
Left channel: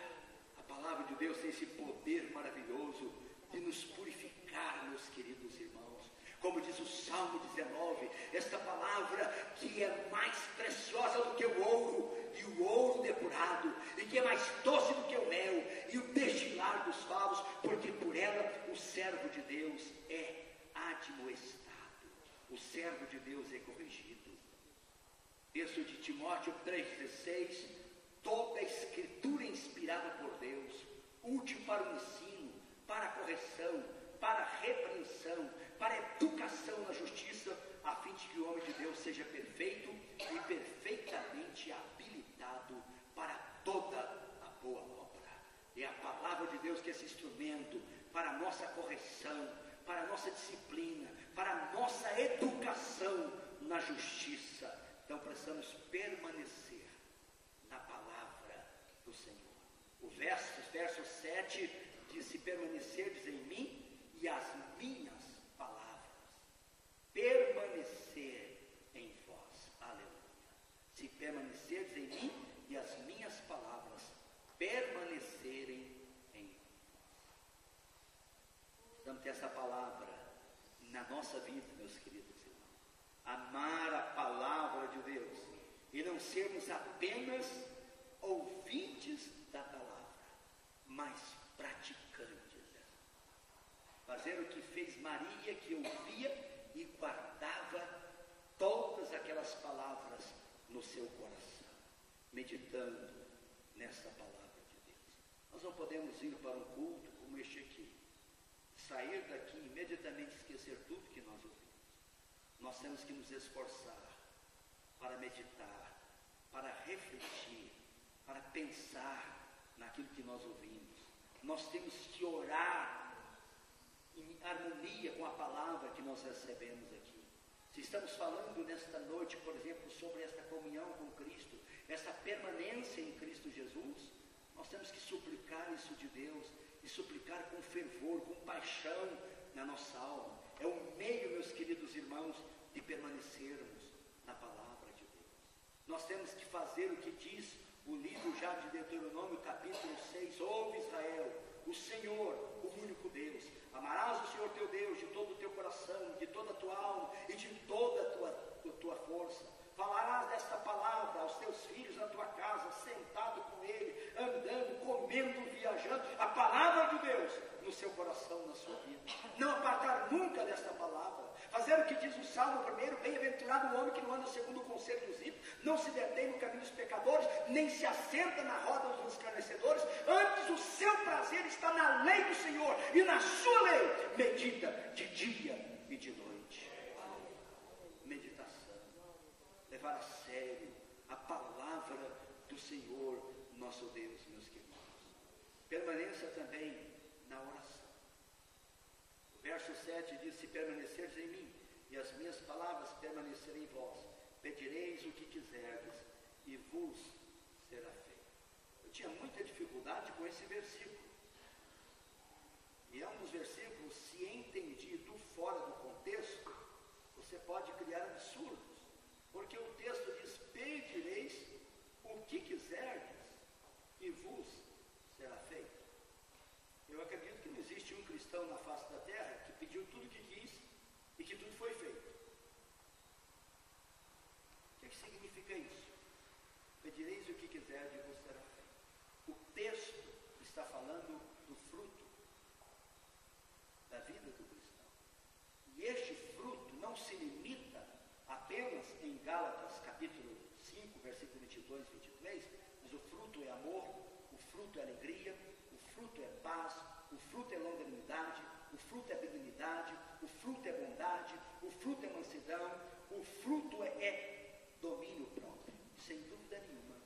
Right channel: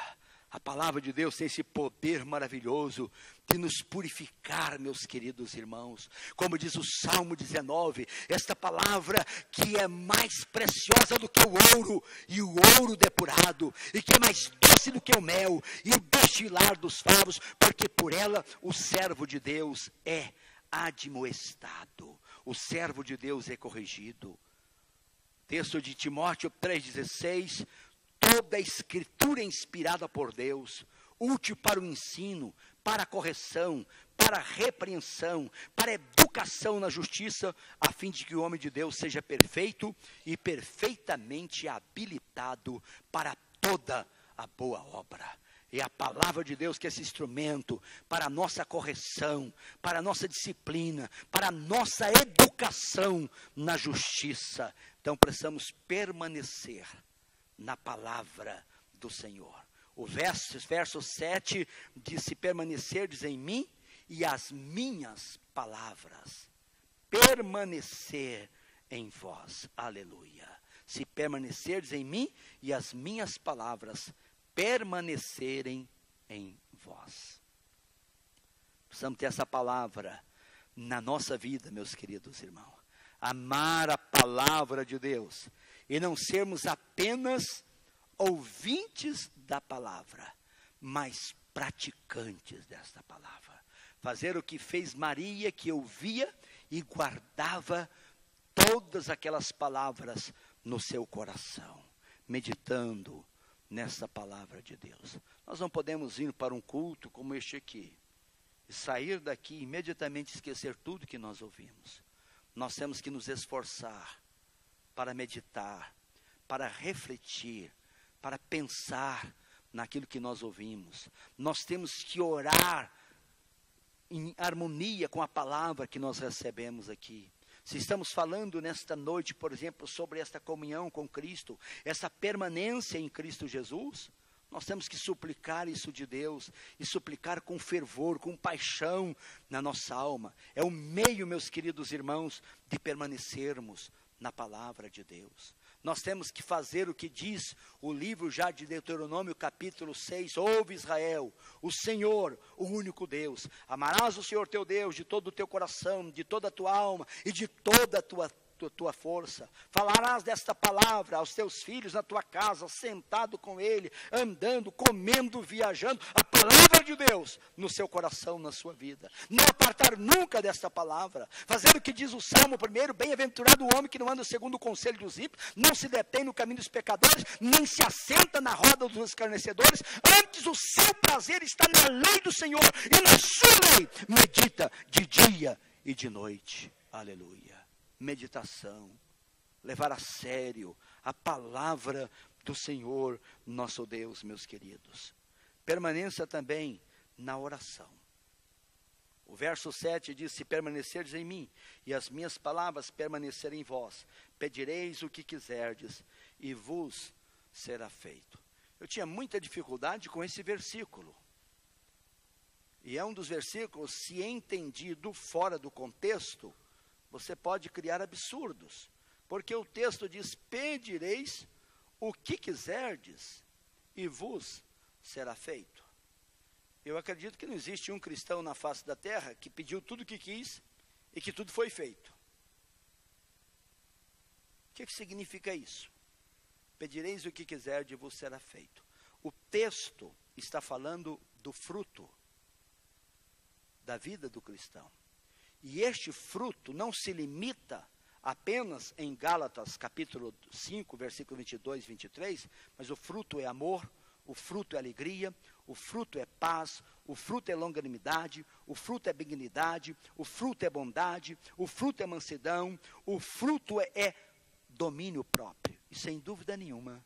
A palavra de Deus tem esse poder maravilhoso de nos purificar, meus queridos irmãos. Como diz o Salmo 19, esta palavra que é mais preciosa do que o ouro, e o ouro depurado, e que é mais doce do que o mel, e o destilar dos favos, porque por ela o servo de Deus é admoestado, o servo de Deus é corrigido. Texto de Timóteo 3,16, toda a escritura é inspirada por Deus, útil para o ensino, para a correção, para a repreensão, para a educação na justiça, a fim de que o homem de Deus seja perfeito e perfeitamente habilitado para toda a boa obra. É a palavra de Deus que é esse instrumento para a nossa correção, para a nossa disciplina, para a nossa educação na justiça. Então precisamos permanecer na palavra do Senhor. O verso 7 diz: se permanecerdes em mim e as minhas palavras permanecer em vós. Aleluia. Se permanecerdes em mim e as minhas palavras permanecerem em vós. Precisamos ter essa palavra na nossa vida, meus queridos irmãos. Amar a palavra de Deus e não sermos apenas ouvintes da palavra, mas praticantes desta palavra. Fazer o que fez Maria, que ouvia e guardava todas aquelas palavras no seu coração, meditando nessa palavra de Deus. Nós não podemos ir para um culto como este aqui e sair daqui e imediatamente esquecer tudo que nós ouvimos. Nós temos que nos esforçar para meditar, para refletir, para pensar naquilo que nós ouvimos. Nós temos que orar em harmonia com a palavra que nós recebemos aqui. Se estamos falando nesta noite, por exemplo, sobre esta comunhão com Cristo, essa permanência em Cristo Jesus, nós temos que suplicar isso de Deus, e suplicar com fervor, com paixão na nossa alma. É o meio, meus queridos irmãos, de permanecermos na palavra de Deus. Nós temos que fazer o que diz o livro já de Deuteronômio, capítulo 6, ouve Israel, o Senhor, o único Deus, amarás o Senhor teu Deus de todo o teu coração, de toda a tua alma e de toda a tua força. Falarás desta palavra aos teus filhos na tua casa, sentado com ele, andando, comendo, viajando, a palavra de Deus no seu coração, na sua vida. Não apartar nunca desta palavra. Fazer o que diz o Salmo 1, bem-aventurado o homem que não anda segundo o conselho dos ímpios, não se detém no caminho dos pecadores, nem se assenta na roda dos escarnecedores, antes o seu prazer está na lei do Senhor, e na sua lei medita de dia e de noite. Aleluia. Meditação, levar a sério a palavra do Senhor, nosso Deus, meus queridos. Permaneça também na oração. O verso 7 diz: se permanecerdes em mim, e as minhas palavras permanecerem em vós, pedireis o que quiserdes, e vos será feito. Eu tinha muita dificuldade com esse versículo. E é um dos versículos, se entendido fora do contexto, você pode criar absurdos. Porque o texto diz: pedireis o que quiserdes, e vos será feito. Eu acredito que não existe um cristão na face da terra que pediu tudo o que quis e que tudo foi feito. O que significa isso? Pedireis o que quiserdes e vos será feito. O texto está falando do fruto da vida do cristão. E este fruto não se limita apenas em Gálatas capítulo 5, versículo 22 e 23, mas o fruto é amor, o fruto é alegria, o fruto é paz, o fruto é longanimidade, o fruto é benignidade, o fruto é bondade, o fruto é mansidão, o fruto é domínio próprio. E sem dúvida nenhuma,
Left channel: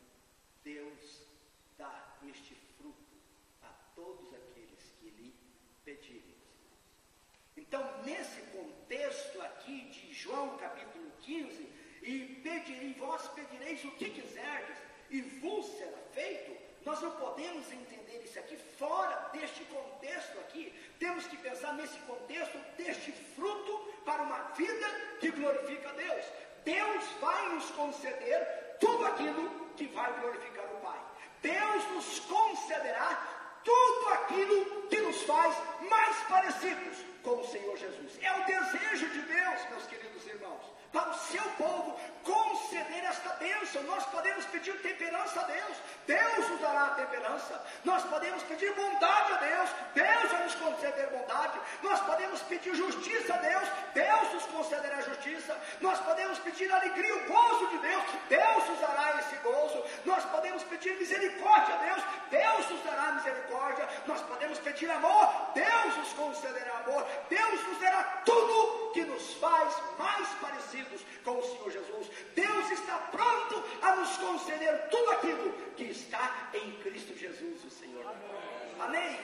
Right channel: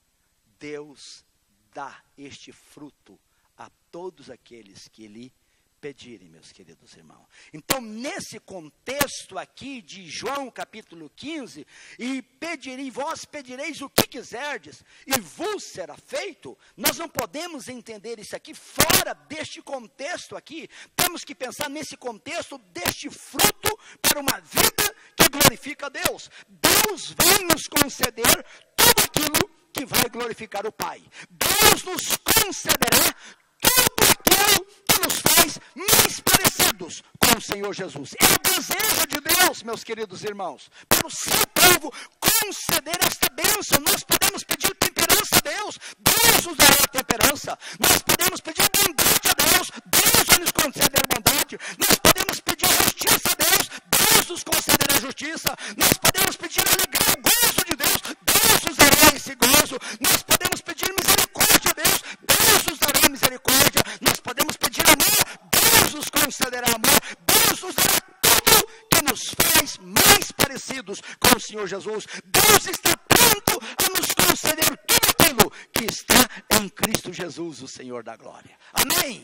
Deus dá este fruto a todos aqueles que lhe pedirem, meus queridos irmãos. Então, nesse contexto aqui de João capítulo 15, e vós pedireis o que quiserdes, e vos será feito, nós não podemos entender isso aqui fora deste contexto aqui. Temos que pensar nesse contexto deste fruto para uma vida que glorifica a Deus. Deus vai nos conceder tudo aquilo que vai glorificar o Pai. Deus nos concederá tudo aquilo que nos faz mais parecidos com o Senhor Jesus. É o desejo de Deus, meus queridos irmãos, para o seu povo conceder esta bênção. Nós podemos pedir temperança a Deus, Deus nos dará temperança. Nós podemos pedir bondade a Deus, Deus vai nos conceder bondade. Nós podemos pedir justiça a Deus, Deus nos concederá justiça. Nós podemos pedir alegria, o gozo de Deus, Deus nos dará esse gozo. Nós podemos pedir misericórdia a Deus, Deus nos dará misericórdia. Nós podemos pedir amor, Deus nos concederá amor. Deus nos dará tudo que nos faz mais parecidos com o Senhor Jesus. Deus está pronto a nos conceder tudo aquilo que está em Cristo Jesus, o Senhor da glória. Amém?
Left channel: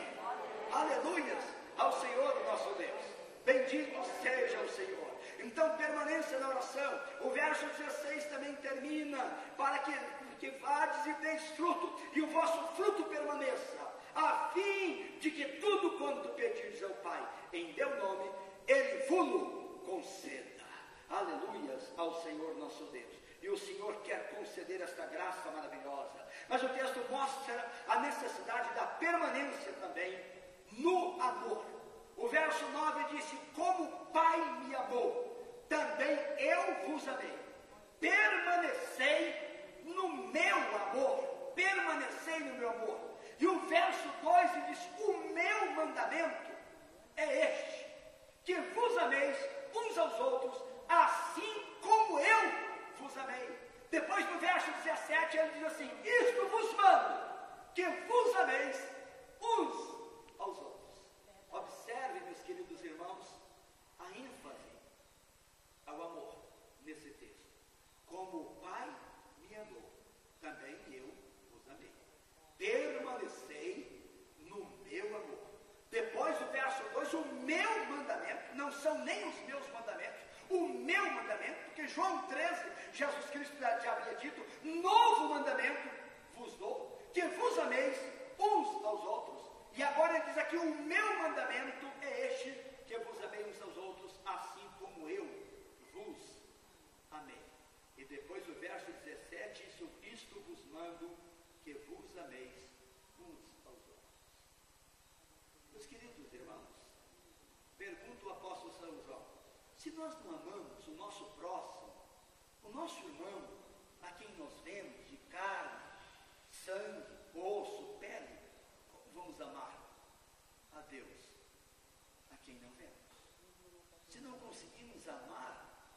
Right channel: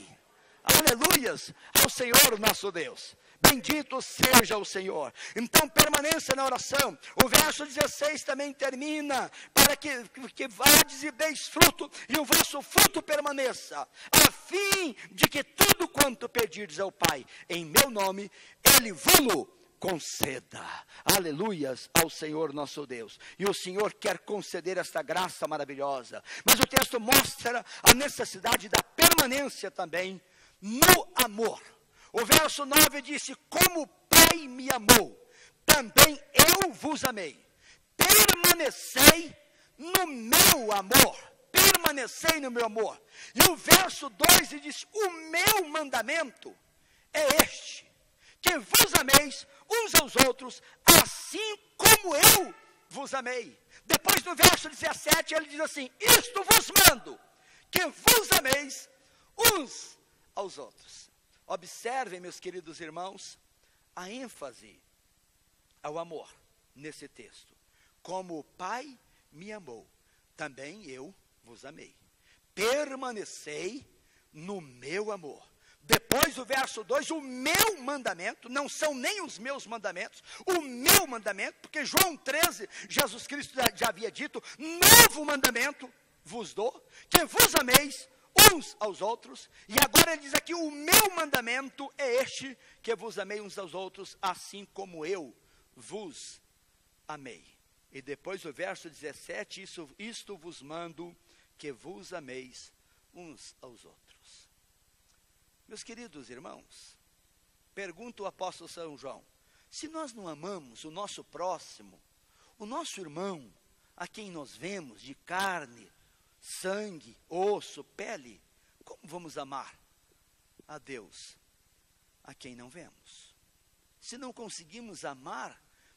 Aleluias ao Senhor nosso Deus. Bendito seja o Senhor. Então permaneça na oração. O verso 16 também termina: para que vades e deis fruto, e o vosso fruto permaneça, a fim de que tudo quanto pedirdes ao Pai em meu nome, Ele vos conceda. Aleluias ao Senhor nosso Deus. E o Senhor quer conceder esta graça maravilhosa. Mas o texto mostra a necessidade da permanência também no amor. O verso 9 disse: como o Pai me amou, também eu vos amei. Permanecei no meu amor. Permanecei no meu amor. E o verso 12 diz: o meu mandamento é este, que vos ameis uns aos outros, assim como eu vos amei. Depois no verso 17 ele diz assim: isto vos mando, que vos ameis uns aos outros. Observem, meus queridos irmãos, a ênfase ao amor nesse texto. Como o Pai me amou, também eu vos amei. Permanecei no meu amor. Depois o verso 2, o meu mandamento, não são nem os meus mandamentos, o meu mandamento, porque João 13, Jesus Cristo já havia dito: novo mandamento vos dou, que vos ameis uns aos outros. E agora ele diz aqui: o meu mandamento é este, que vos amei uns aos outros, assim como eu vos amei. E depois o verso 17, isto vos mando, que vos ameis uns aos outros. Meus queridos irmãos, pergunta o apóstolo São João: se nós não amamos o nosso próximo, o nosso irmão, a quem nós vemos de carne, sangue, osso, pele, como vamos amar a Deus, a quem não vemos? Se não conseguimos amar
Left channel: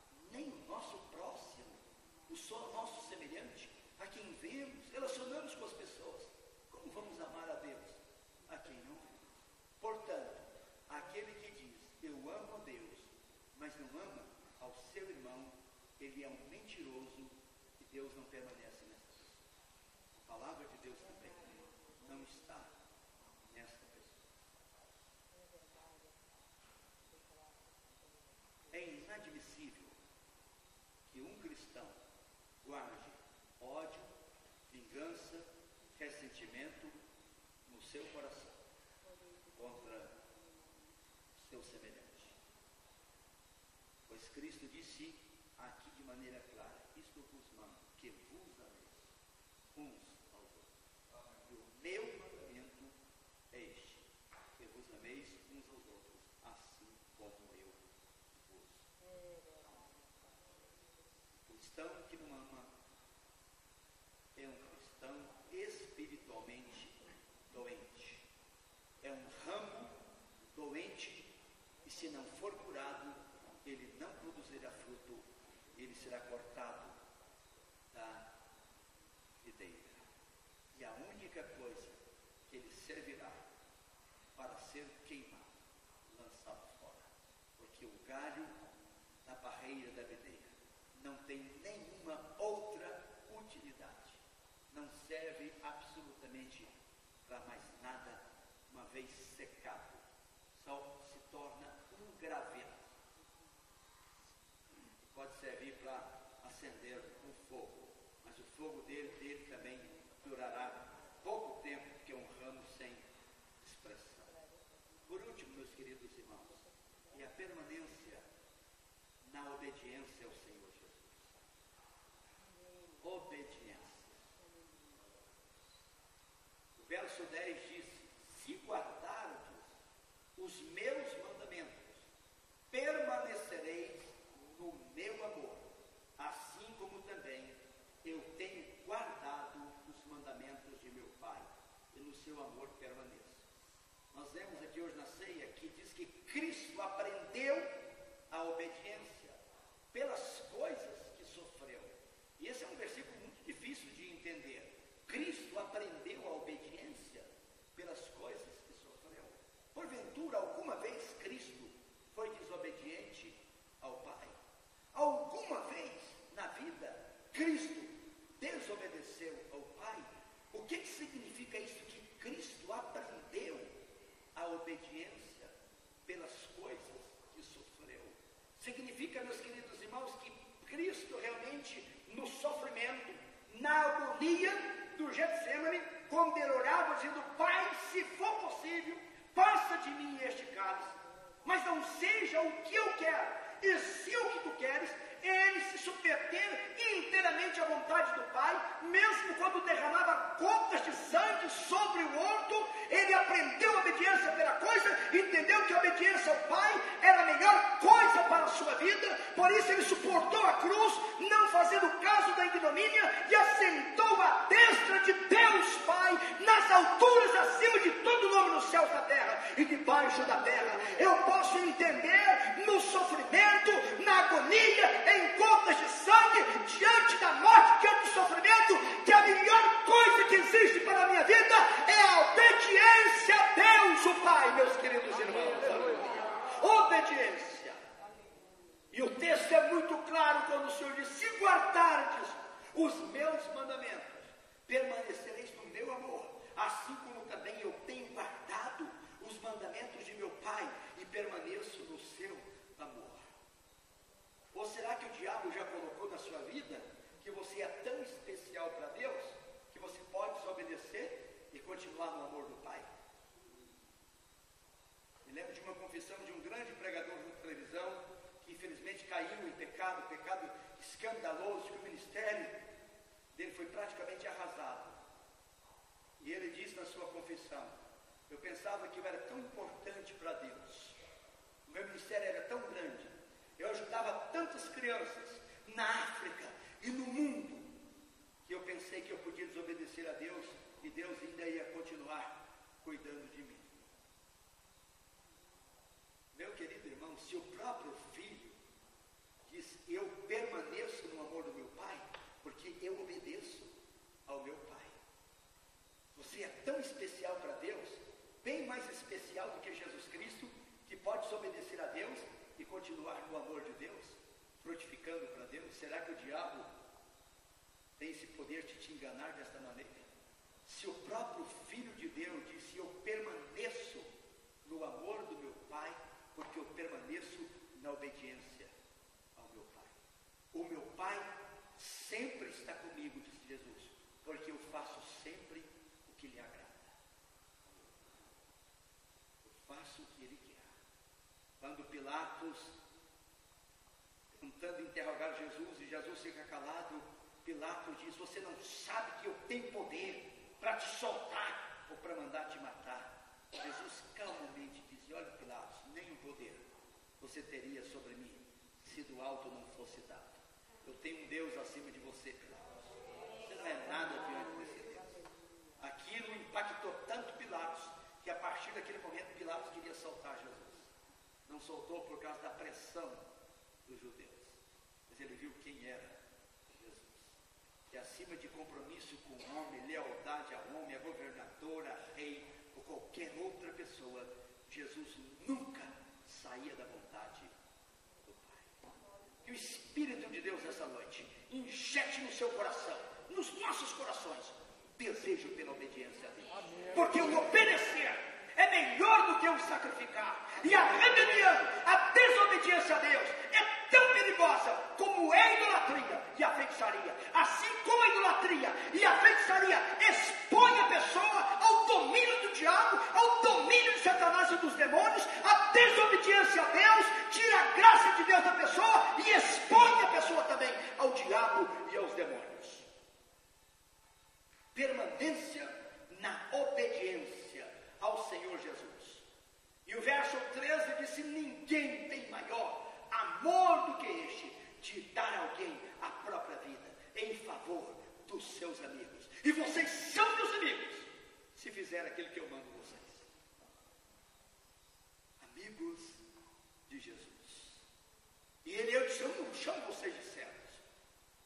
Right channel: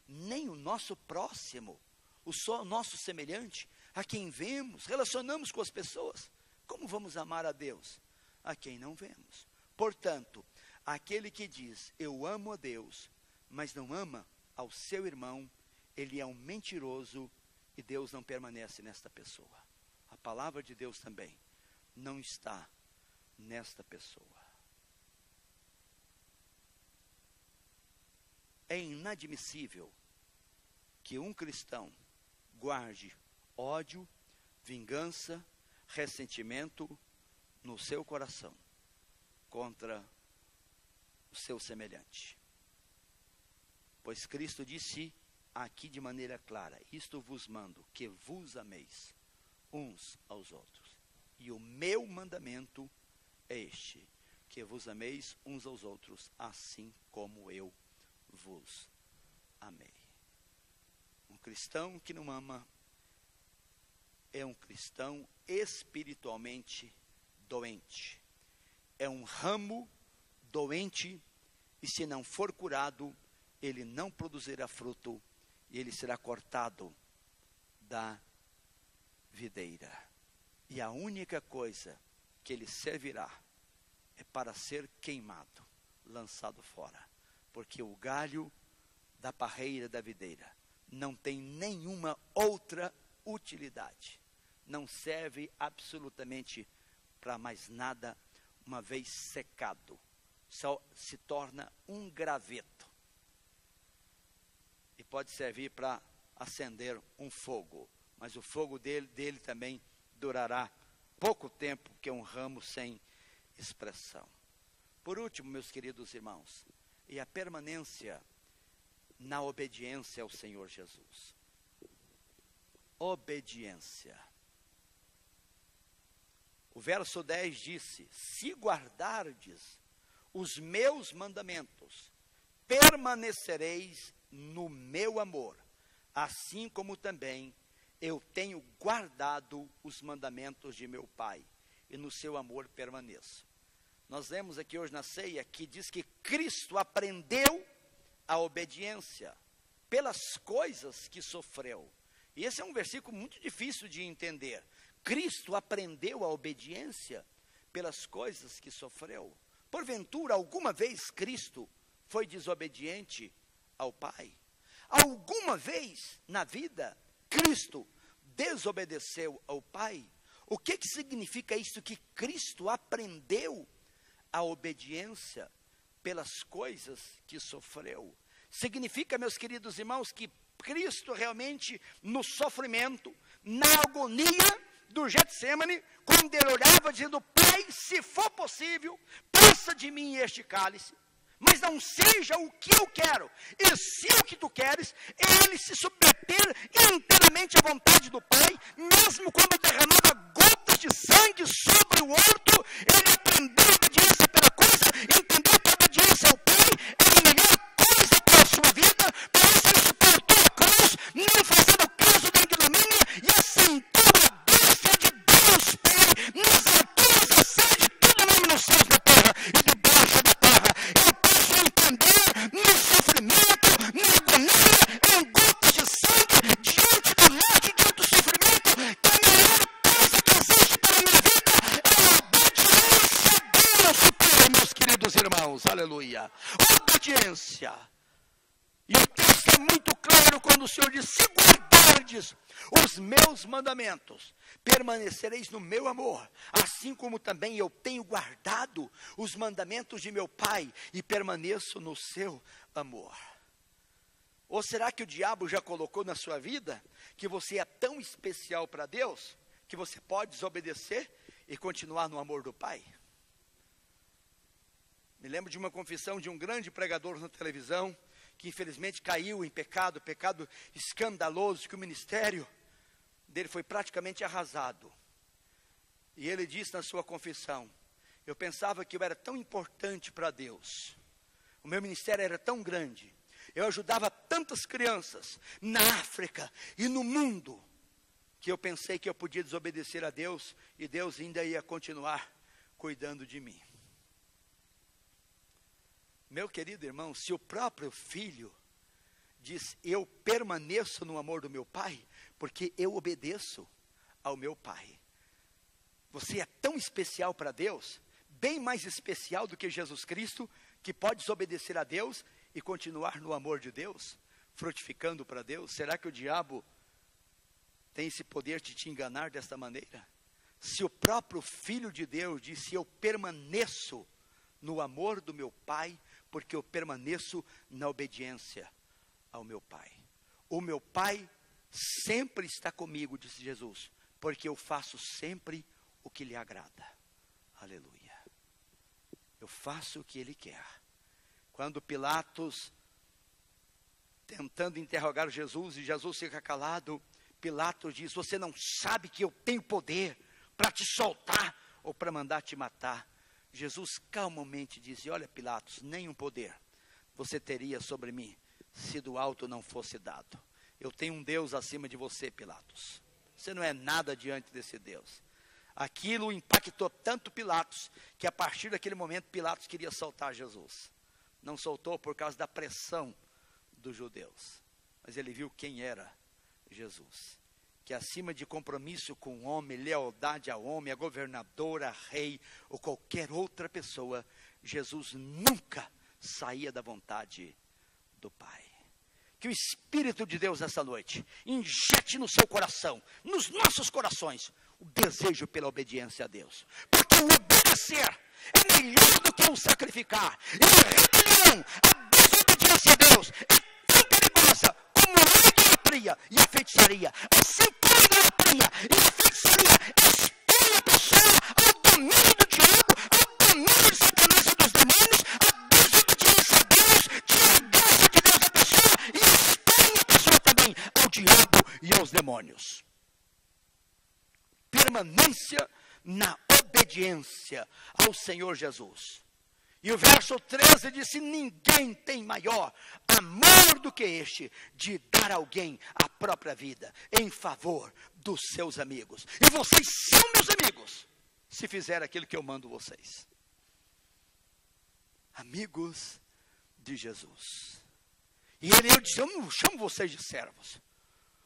nem o nosso próximo, o nosso semelhante, a quem vemos, relacionamos com as pessoas, como vamos amar a Deus, a quem não vemos? Portanto, aquele que diz: eu amo a Deus, mas não ama ao seu irmão, ele é um mentiroso, e Deus não permanece nesta pessoa. A palavra de Deus também não está nesta pessoa. É inadmissível que um cristão guarde ódio, vingança, ressentimento no seu coração contra o seu semelhante. Pois Cristo disse aqui de maneira clara: isto vos mando, que vos ameis uns aos outros. E o meu mandamento é este, que vos ameis uns aos outros, assim como eu vos amei. Um cristão que não ama é um cristão espiritualmente doente. É um ramo doente, e se não for curado, ele não produzirá fruto, e ele será cortado da videira. E a única coisa que ele servirá é para ser queimado, lançado fora. Porque o galho da parreira da videira não tem nenhuma outra utilidade. Não serve absolutamente para mais nada, uma vez secado. Só se torna um graveto. E pode servir para acender um fogo. Mas o fogo dele também durará pouco tempo, porque é um ramo sem expressão. Por último, meus queridos irmãos, e a permanência na obediência ao Senhor Jesus. Obediência. O verso 10 disse: se guardardes os meus mandamentos, permanecereis no meu amor, assim como também eu tenho guardado os mandamentos de meu Pai, e no seu amor permaneço. Nós lemos aqui hoje na ceia que diz que Cristo aprendeu a obediência pelas coisas que sofreu. E esse é um versículo muito difícil de entender. Cristo aprendeu a obediência pelas coisas que sofreu. Porventura, alguma vez Cristo foi desobediente ao Pai? Alguma vez na vida Cristo desobedeceu ao Pai? O que significa isso? Que Cristo aprendeu a obediência pelas coisas que sofreu. Significa, meus queridos irmãos, que Cristo realmente no sofrimento, na agonia do Getsemane, quando ele orava dizendo: Pai, se for possível, passa de mim este cálice, mas não seja o que eu quero, e se o que tu queres. Ele se submeter inteiramente à vontade do Pai, mesmo quando derramava gotas de sangue sobre o horto. Ele aprendeu a obediência pela coisa, entendeu que a obediência ao Pai é a melhor coisa para a sua vida. Por isso ele suportou a cruz, não fazendo caso da ignomínia, e assentou à destra de Deus Pai, nas alturas acima de todo nome nos céus, na terra e debaixo da terra. Eu posso entender no sofrimento, na agonia, em gotas de sangue, diante da morte, diante do sofrimento, que a melhor coisa que existe para a minha vida é a obediência a Deus, o Pai, meus queridos irmãos. Aleluia. Obediência. E o texto é muito claro quando o Senhor diz: se guardardes os meus mandamentos, permanecereis no meu amor, assim como também eu tenho guardado os mandamentos de meu Pai e permaneço no seu amor. Ou será que o diabo já colocou na sua vida que você é tão especial para Deus que você pode desobedecer e continuar no amor do Pai? Me lembro de uma confissão de um grande pregador na televisão, que infelizmente caiu em pecado escandaloso, que o ministério dele foi praticamente arrasado. E ele disse na sua confissão: eu pensava que eu era tão importante para Deus, o meu ministério era tão grande, eu ajudava tantas crianças na África e no mundo, que eu pensei que eu podia desobedecer a Deus, e Deus ainda ia continuar cuidando de mim. Meu querido irmão, se o próprio filho diz: eu permaneço no amor do meu Pai, porque eu obedeço ao meu Pai. Você é tão especial para Deus, bem mais especial do que Jesus Cristo, que pode desobedecer a Deus e continuar no amor de Deus, frutificando para Deus. Será que o diabo tem esse poder de te enganar desta maneira? Se o próprio Filho de Deus disse: eu permaneço no amor do meu Pai, porque eu permaneço na obediência ao meu Pai. O meu Pai sempre está comigo, disse Jesus, porque eu faço sempre o que lhe agrada. Aleluia. Eu faço o que ele quer. Quando Pilatos, tentando interrogar Jesus, e Jesus fica calado, Pilatos diz: você não sabe que eu tenho poder para te soltar ou para mandar te matar? Jesus calmamente diz: olha, Pilatos, nenhum poder você teria sobre mim, se do alto não fosse dado. Eu tenho um Deus acima de você, Pilatos. Você não é nada diante desse Deus. Aquilo impactou tanto Pilatos, que a partir daquele momento Pilatos queria soltar Jesus. Não soltou por causa da pressão dos judeus, mas ele viu quem era Jesus, que acima de compromisso com o homem, lealdade ao homem, a governador, a rei, ou qualquer outra pessoa, Jesus nunca saía da vontade do Pai. Que o Espírito de Deus nessa noite injete no seu coração, nos nossos corações, o desejo pela obediência a Deus, porque o obedecer é melhor do que o sacrificar, e a rebelião, a desobediência a Deus é tão perigosa como a idolatria e a feitiçaria. Assim como a idolatria e a feitiçaria expõe a pessoa ao domínio do diabo, ao domínio de Satanás e dos demônios, a desobediência a Deus tira a graça de Deus da pessoa e expõe a pessoa também ao diabo e aos demônios. Permanência na obediência ao Senhor Jesus. E o verso 13 disse: ninguém tem maior amor do que este, de dar a alguém a própria vida, em favor dos seus amigos. E vocês são meus amigos, se fizer aquilo que eu mando vocês. Amigos de Jesus. E ele disse: eu não chamo vocês de servos.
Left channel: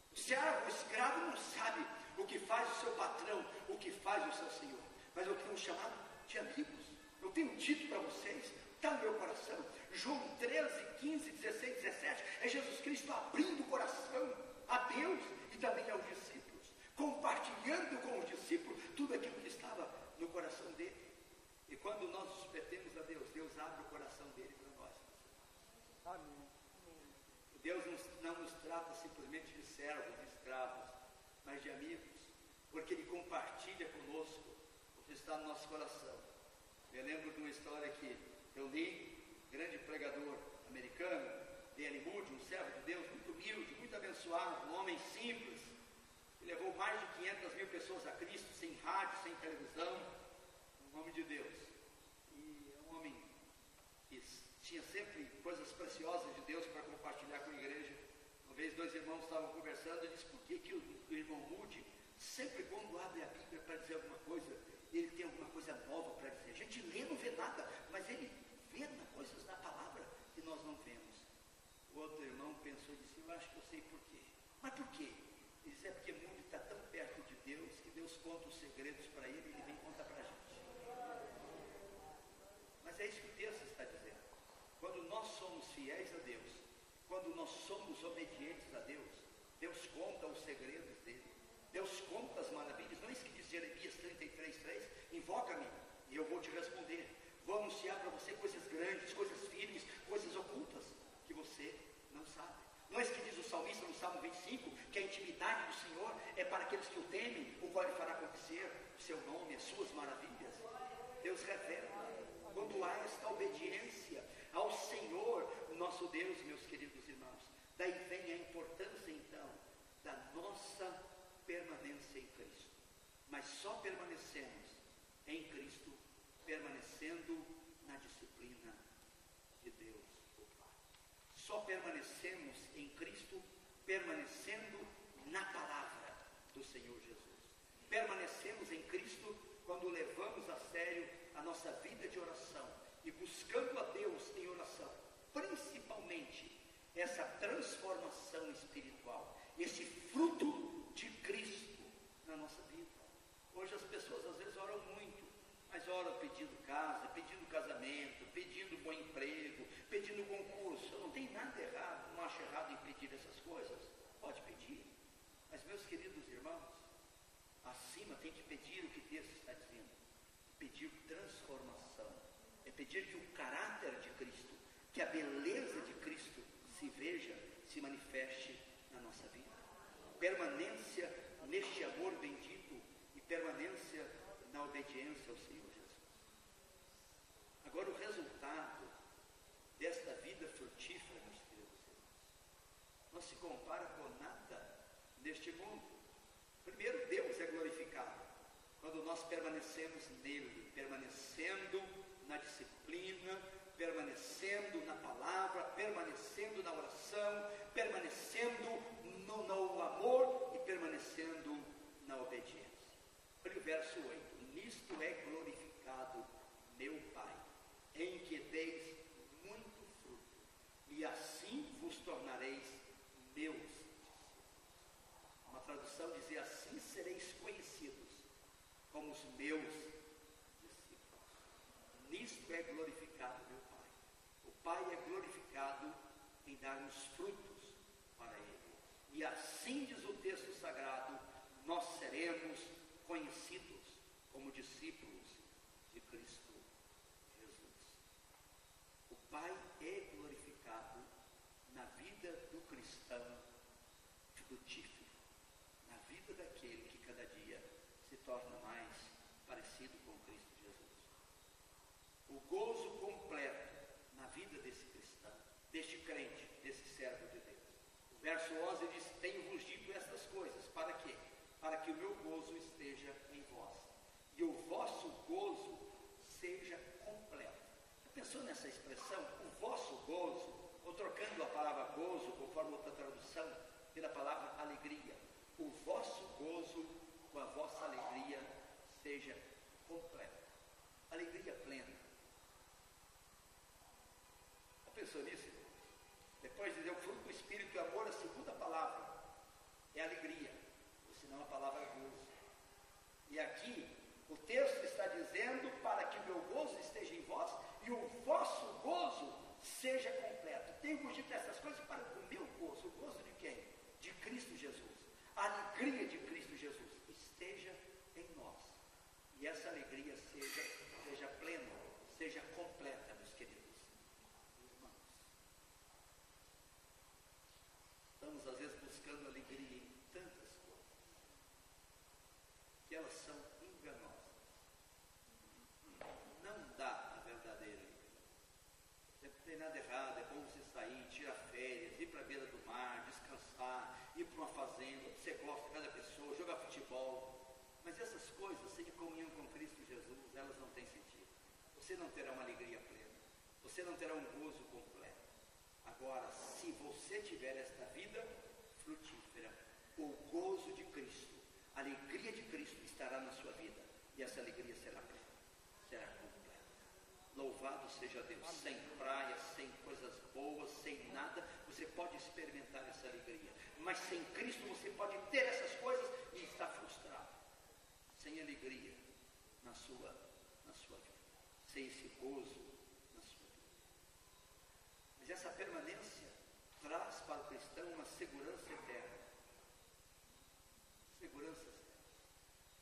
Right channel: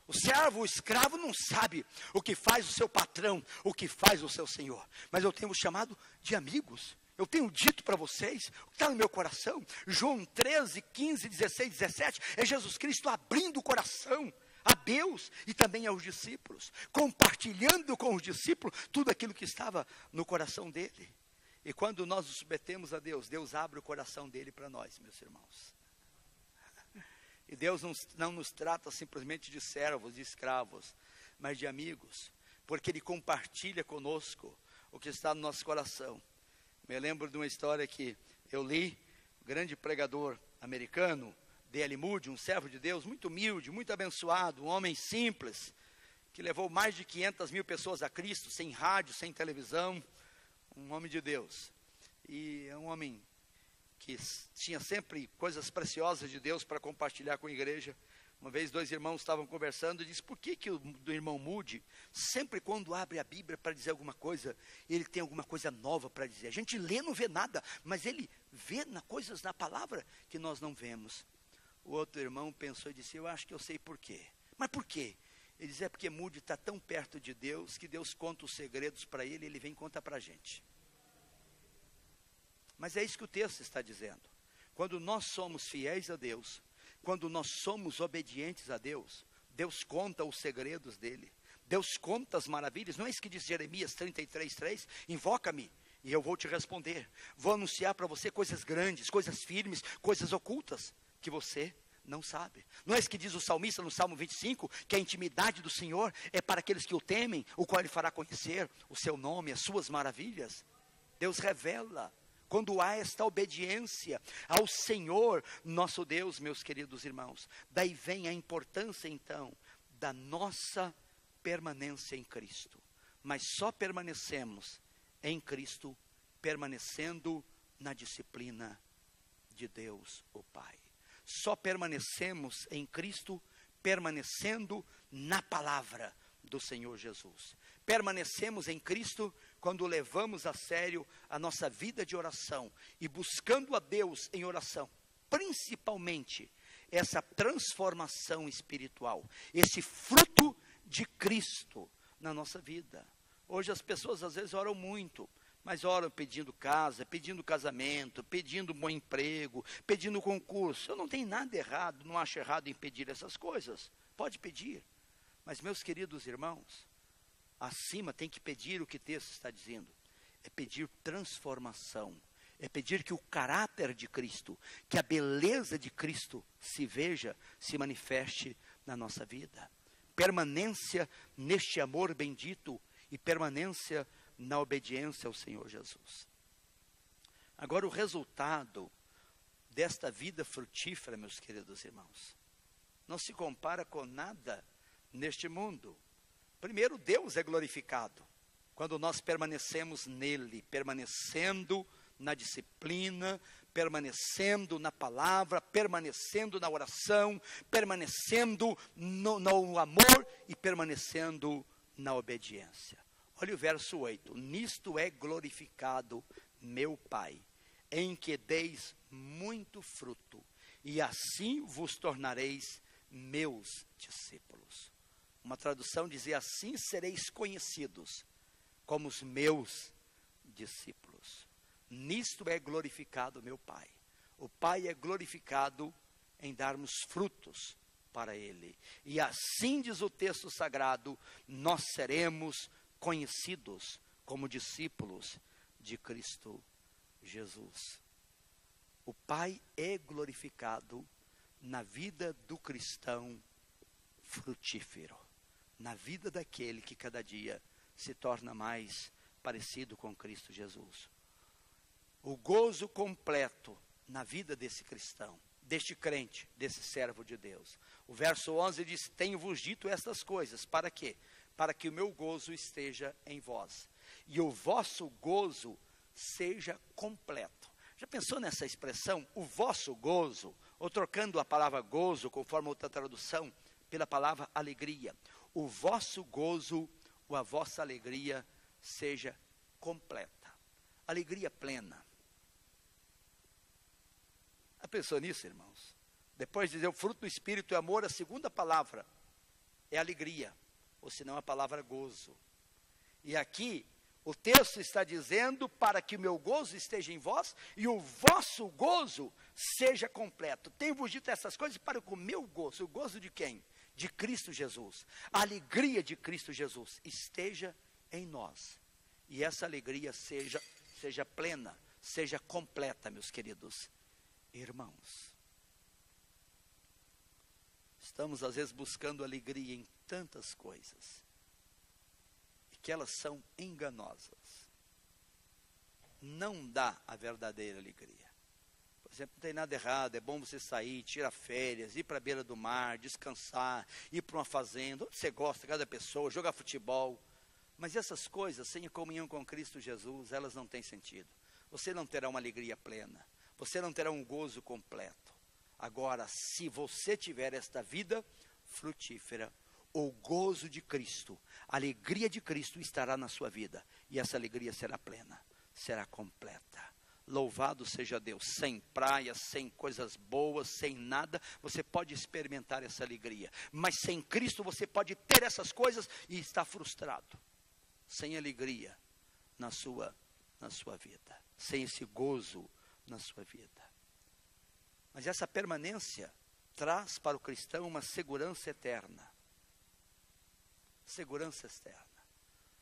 O servo, o escravo não sabe o que faz o seu patrão, o que faz o seu senhor. Mas eu tenho chamado de amigos. Eu tenho dito para vocês, está no meu coração. João 13, 15, 16, 17, é Jesus Cristo abrindo o coração a Deus e também aos discípulos, compartilhando com os discípulos tudo aquilo que estava no coração dele. E quando nós nos submetemos a Deus, Deus abre o coração dele para nós, meus irmãos. E Deus não nos trata simplesmente de servos, de escravos, mas de amigos, porque Ele compartilha conosco o que está no nosso coração. Me lembro de uma história que eu li, grande pregador americano, D.L. Moody, um servo de Deus, muito humilde, muito abençoado, um homem simples, que levou mais de 500 mil pessoas a Cristo, sem rádio, sem televisão, um homem de Deus. E é um homem que tinha sempre coisas preciosas de Deus para compartilhar com a igreja. Uma vez 2 irmãos estavam conversando e disse: por que o do irmão Moody, sempre quando abre a Bíblia para dizer alguma coisa, ele tem alguma coisa nova para dizer? A gente lê, não vê nada, mas ele vê coisas na palavra que nós não vemos. O outro irmão pensou e disse: eu acho que eu sei por quê. Mas por quê? Ele diz: é porque Moody está tão perto de Deus, que Deus conta os segredos para ele, ele vem e conta para a gente. Mas é isso que o texto está dizendo. Quando nós somos fiéis a Deus, quando nós somos obedientes a Deus, Deus conta os segredos dele, Deus conta as maravilhas. Não é isso que diz Jeremias 33:3? Invoca-me e eu vou te responder. Vou anunciar para você coisas grandes, coisas firmes, coisas ocultas que você não sabe. Não é isso que diz o salmista no Salmo 25, que a intimidade do Senhor é para aqueles que o temem, o qual Ele fará conhecer o seu nome, as suas maravilhas. Deus revela quando há esta obediência ao Senhor nosso Deus, meus queridos irmãos. Daí vem a importância então da nossa permanência em Cristo. Mas só permanecemos em Cristo permanecendo na disciplina de Deus o Pai. Só permanecemos em Cristo permanecendo na palavra do Senhor Jesus. Permanecemos em Cristo quando levamos a sério a nossa vida de oração e buscando a Deus em oração, principalmente essa transformação espiritual, esse fruto de Cristo na nossa vida. Hoje as pessoas às vezes oram muito, mas oram pedindo casa, pedindo casamento, pedindo bom emprego, pedindo concurso. Eu não tenho nada errado, não acho errado em pedir essas coisas, pode pedir, mas meus queridos irmãos, acima tem que pedir o que o texto está dizendo, é pedir transformação, é pedir que o caráter de Cristo, que a beleza de Cristo se veja, se manifeste na nossa vida. Permanência neste amor bendito e permanência na obediência ao Senhor Jesus. Agora, o resultado desta vida frutífera, meus queridos irmãos, não se compara com nada neste mundo. Primeiro, Deus é glorificado quando nós permanecemos nele, permanecendo na disciplina, permanecendo na palavra, permanecendo na oração, permanecendo no amor e permanecendo na obediência. Olha o verso 8: nisto é glorificado meu Pai, em que deis muito fruto, e assim vos tornareis meus discípulos. Uma tradução dizia: assim sereis conhecidos como os meus discípulos. Nisto é glorificado meu Pai. O Pai é glorificado em darmos frutos para Ele. E assim diz o texto sagrado, nós seremos conhecidos como discípulos de Cristo Jesus. O Pai é glorificado na vida do cristão frutífero, na vida daquele que cada dia se torna mais parecido com Cristo Jesus. O gozo completo na vida desse cristão, deste crente, desse servo de Deus. O verso 11 diz: tenho-vos dito estas coisas, para quê? Para que o meu gozo esteja em vós, e o vosso gozo seja completo. Já pensou nessa expressão, o vosso gozo, ou trocando a palavra gozo, conforme outra tradução, pela palavra alegria? O vosso gozo, ou a vossa alegria, seja completa. Alegria plena. Já pensou nisso, irmãos? Depois de dizer o fruto do Espírito é amor, a segunda palavra é alegria, ou senão a palavra gozo. E aqui o texto está dizendo: para que o meu gozo esteja em vós e o vosso gozo seja completo. Tenho-vos dito essas coisas para que o meu gozo, o gozo de quem? De Cristo Jesus, a alegria de Cristo Jesus esteja em nós. E essa alegria seja plena, seja completa, meus queridos irmãos. Estamos às vezes buscando alegria em tantas coisas, e que elas são enganosas. Não dá a verdadeira alegria. Por exemplo, não tem nada errado, é bom você sair, tirar férias, ir para a beira do mar, descansar, ir para uma fazenda, onde você gosta, cada pessoa, jogar futebol. Mas essas coisas, sem comunhão com Cristo Jesus, elas não têm sentido. Você não terá uma alegria plena, você não terá um gozo completo. Agora, se você tiver esta vida frutífera, o gozo de Cristo, a alegria de Cristo estará na sua vida, e essa alegria será plena, será completa. Louvado seja Deus. Sem praia, sem coisas boas, sem nada, você pode experimentar essa alegria. Mas sem Cristo você pode ter essas coisas e estar frustrado, sem alegria na sua vida, sem esse gozo na sua vida. Mas essa permanência traz para o cristão uma segurança eterna. Segurança externa.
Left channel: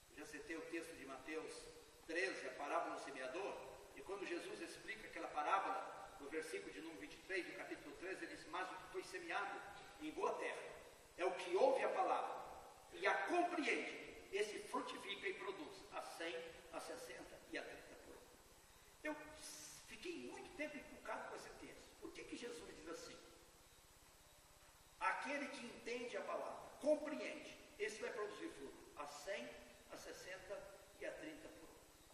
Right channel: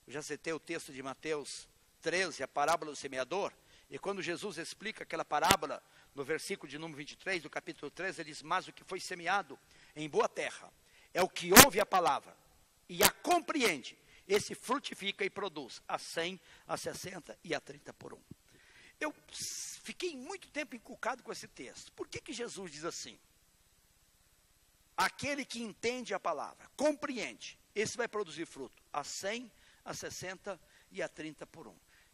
Eu já citei o texto de Mateus 13, a parábola do semeador, e quando Jesus explica aquela parábola, no versículo de número 23, do capítulo 13, ele diz: mas o que foi semeado em boa terra é o que ouve a palavra e a compreende, esse frutifica e produz a 100, a 60 e a 30 por 1. Eu fiquei muito tempo encucado com esse texto. Por que Jesus diz assim? Aquele que entende a palavra, compreende, esse vai produzir fruto a 100, a 60 e a 30 por 1.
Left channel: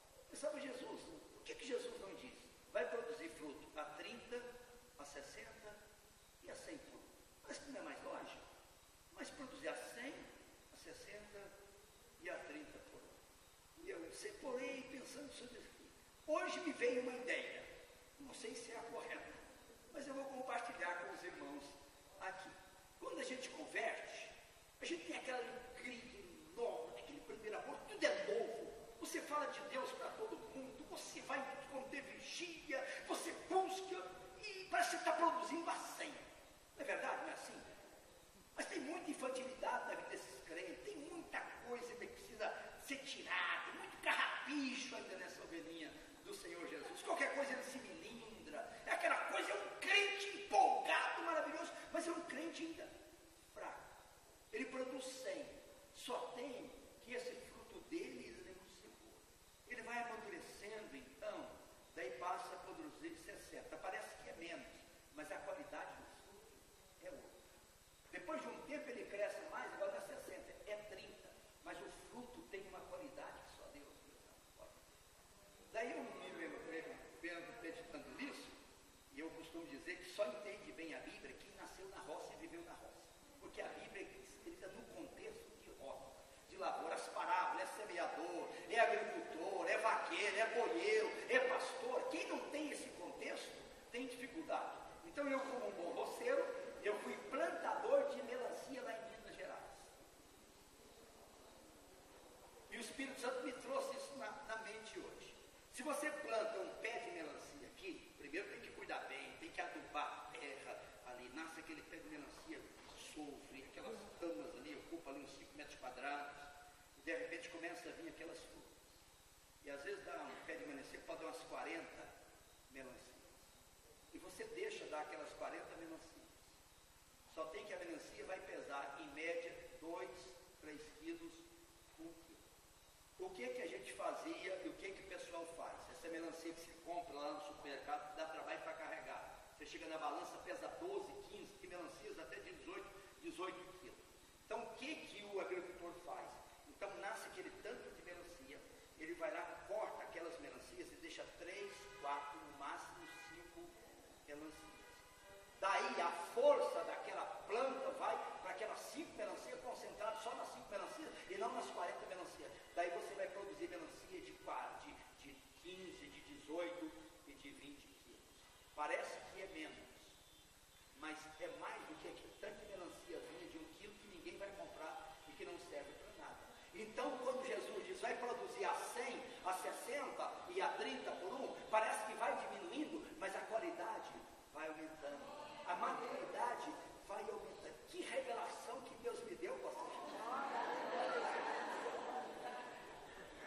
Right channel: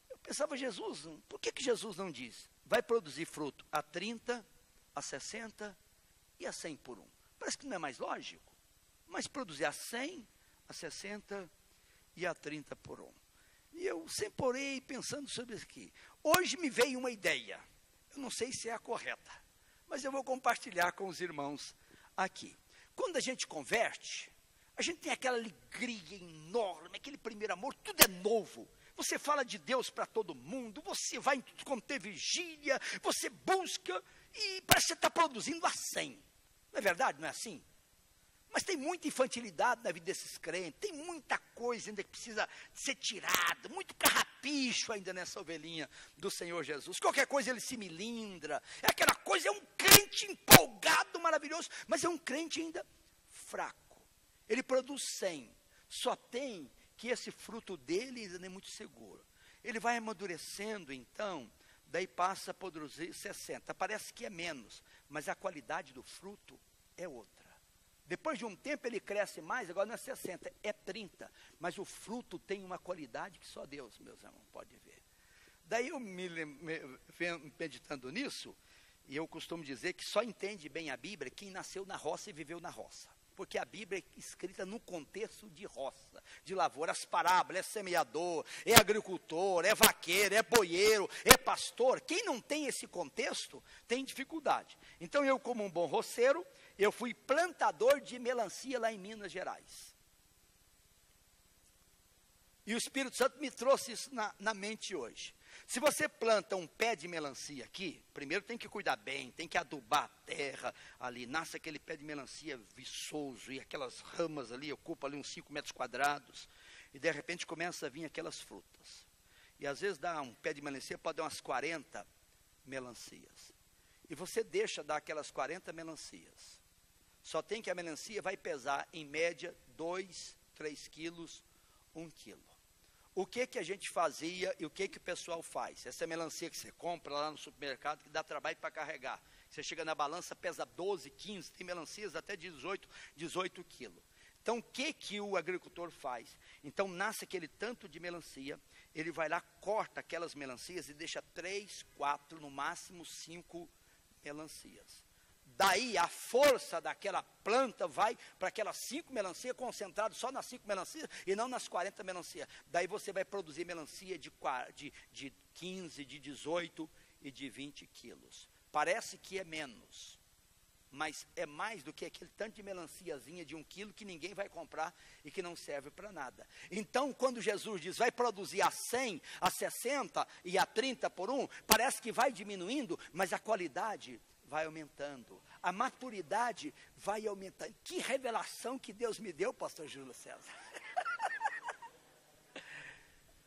Eu pensava, Jesus, por que Jesus não diz? Vai produzir fruto a 30, a 60 e a 100 por 1. Parece que não é mais lógico. Mas produzir a 100, a 60 e a 30 por 1. E eu sempre orei pensando sobre isso aqui. Hoje me veio uma ideia. Eu não sei se é a correta, mas eu vou compartilhar com os irmãos aqui. Quando a gente converte, a gente tem aquela alegria enorme, aquele primeiro amor, tudo é novo. Você fala de Deus para todo mundo, você vai quando tem vigília, você busca e parece que você está produzindo a 100. Não é verdade? Não é assim? Mas tem muita infantilidade na vida desses crentes, tem muita coisa ainda que precisa ser tirada, muito carrapicho ainda nessa ovelhinha do Senhor Jesus. Qualquer coisa ele se milindra, é aquela coisa, é um crente empolgado, maravilhoso, mas é um crente ainda fraco. Ele produz 100, só tem que esse fruto dele ainda não é muito seguro. Ele vai amadurecendo então, daí passa a produzir 60, parece que é menos, mas a qualidade do fruto é outra. Depois de um tempo ele cresce mais, agora não é 60, é 30. Mas o fruto tem uma qualidade que só Deus, meus irmãos, pode ver. Daí eu meditando nisso, e eu costumo dizer que só entende bem a Bíblia quem nasceu na roça e viveu na roça. Porque a Bíblia é escrita num contexto de roça, de lavoura. As parábolas, é semeador, é agricultor, é vaqueiro, é boieiro, é pastor. Quem não tem esse contexto, tem dificuldade. Então eu, como um bom roceiro, eu fui plantador de melancia lá em Minas Gerais. E o Espírito Santo me trouxe isso na mente hoje. Se você planta um pé de melancia aqui, primeiro tem que cuidar bem, tem que adubar a terra ali, nasce aquele pé de melancia viçoso, e aquelas ramas ali ocupam ali uns 5 metros quadrados, e de repente começa a vir aquelas frutas. E às vezes dá um pé de melancia, pode dar umas 40 melancias. E você deixa dar aquelas 40 melancias. Só tem que a melancia vai pesar, em média, 2, 3 quilos, 1 quilo. O que a gente fazia e o que o pessoal faz? Essa melancia que você compra lá no supermercado, que dá trabalho para carregar. Você chega na balança, pesa 12, 15, tem melancias até 18 quilos. Então, o que o agricultor faz? Então, nasce aquele tanto de melancia, ele vai lá, corta aquelas melancias e deixa 3, 4, no máximo 5 melancias. Daí a força daquela planta vai para aquelas 5 melancias, concentrado só nas 5 melancias e não nas 40 melancias. Daí você vai produzir melancia de 15, de 18 e de 20 quilos. Parece que é menos, mas é mais do que aquele tanto de melanciazinha de 1 quilo que ninguém vai comprar e que não serve para nada. Então, quando Jesus diz, vai produzir a 100, a 60 e a 30 por 1, parece que vai diminuindo, mas a qualidade vai aumentando. A maturidade vai aumentando. Que revelação que Deus me deu, pastor Júlio César.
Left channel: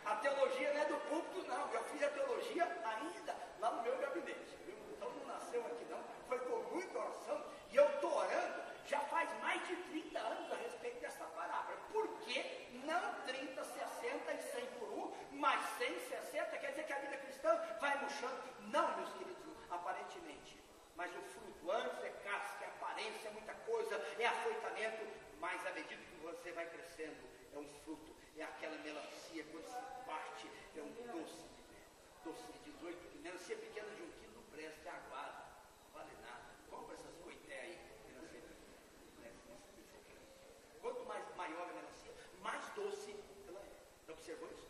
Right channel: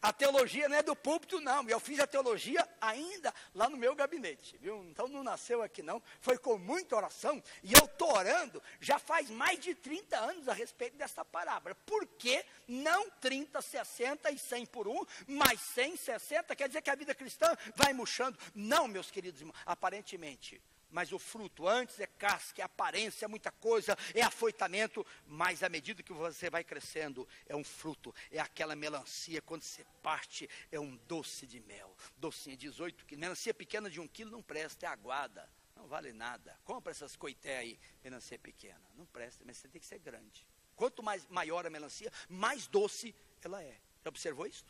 A teologia não é do púlpito, não. Eu fiz a teologia ainda lá no meu gabinete, viu? Então não nasceu aqui, não. Foi com muita oração. E eu estou orando já faz mais de 30 anos a respeito dessa palavra. Por que não 30, 60 e 100 por 1, mais 100, 60? Quer dizer que a vida cristã vai murchando? Não, meus queridos irmãos. Aparentemente. Mas o fruto, antes é casca, é aparência, é muita coisa, é afoitamento, mas à medida que você vai crescendo, é um fruto, é aquela melancia, quando você parte, é um doce de mel, docinha, 18 quilos, melancia pequena de 1 quilo não presta, é aguada, não vale nada, compra essas coité aí, melancia pequena, não presta, mas você tem que ser grande. Quanto mais maior a melancia, mais doce ela é. Já observou isso?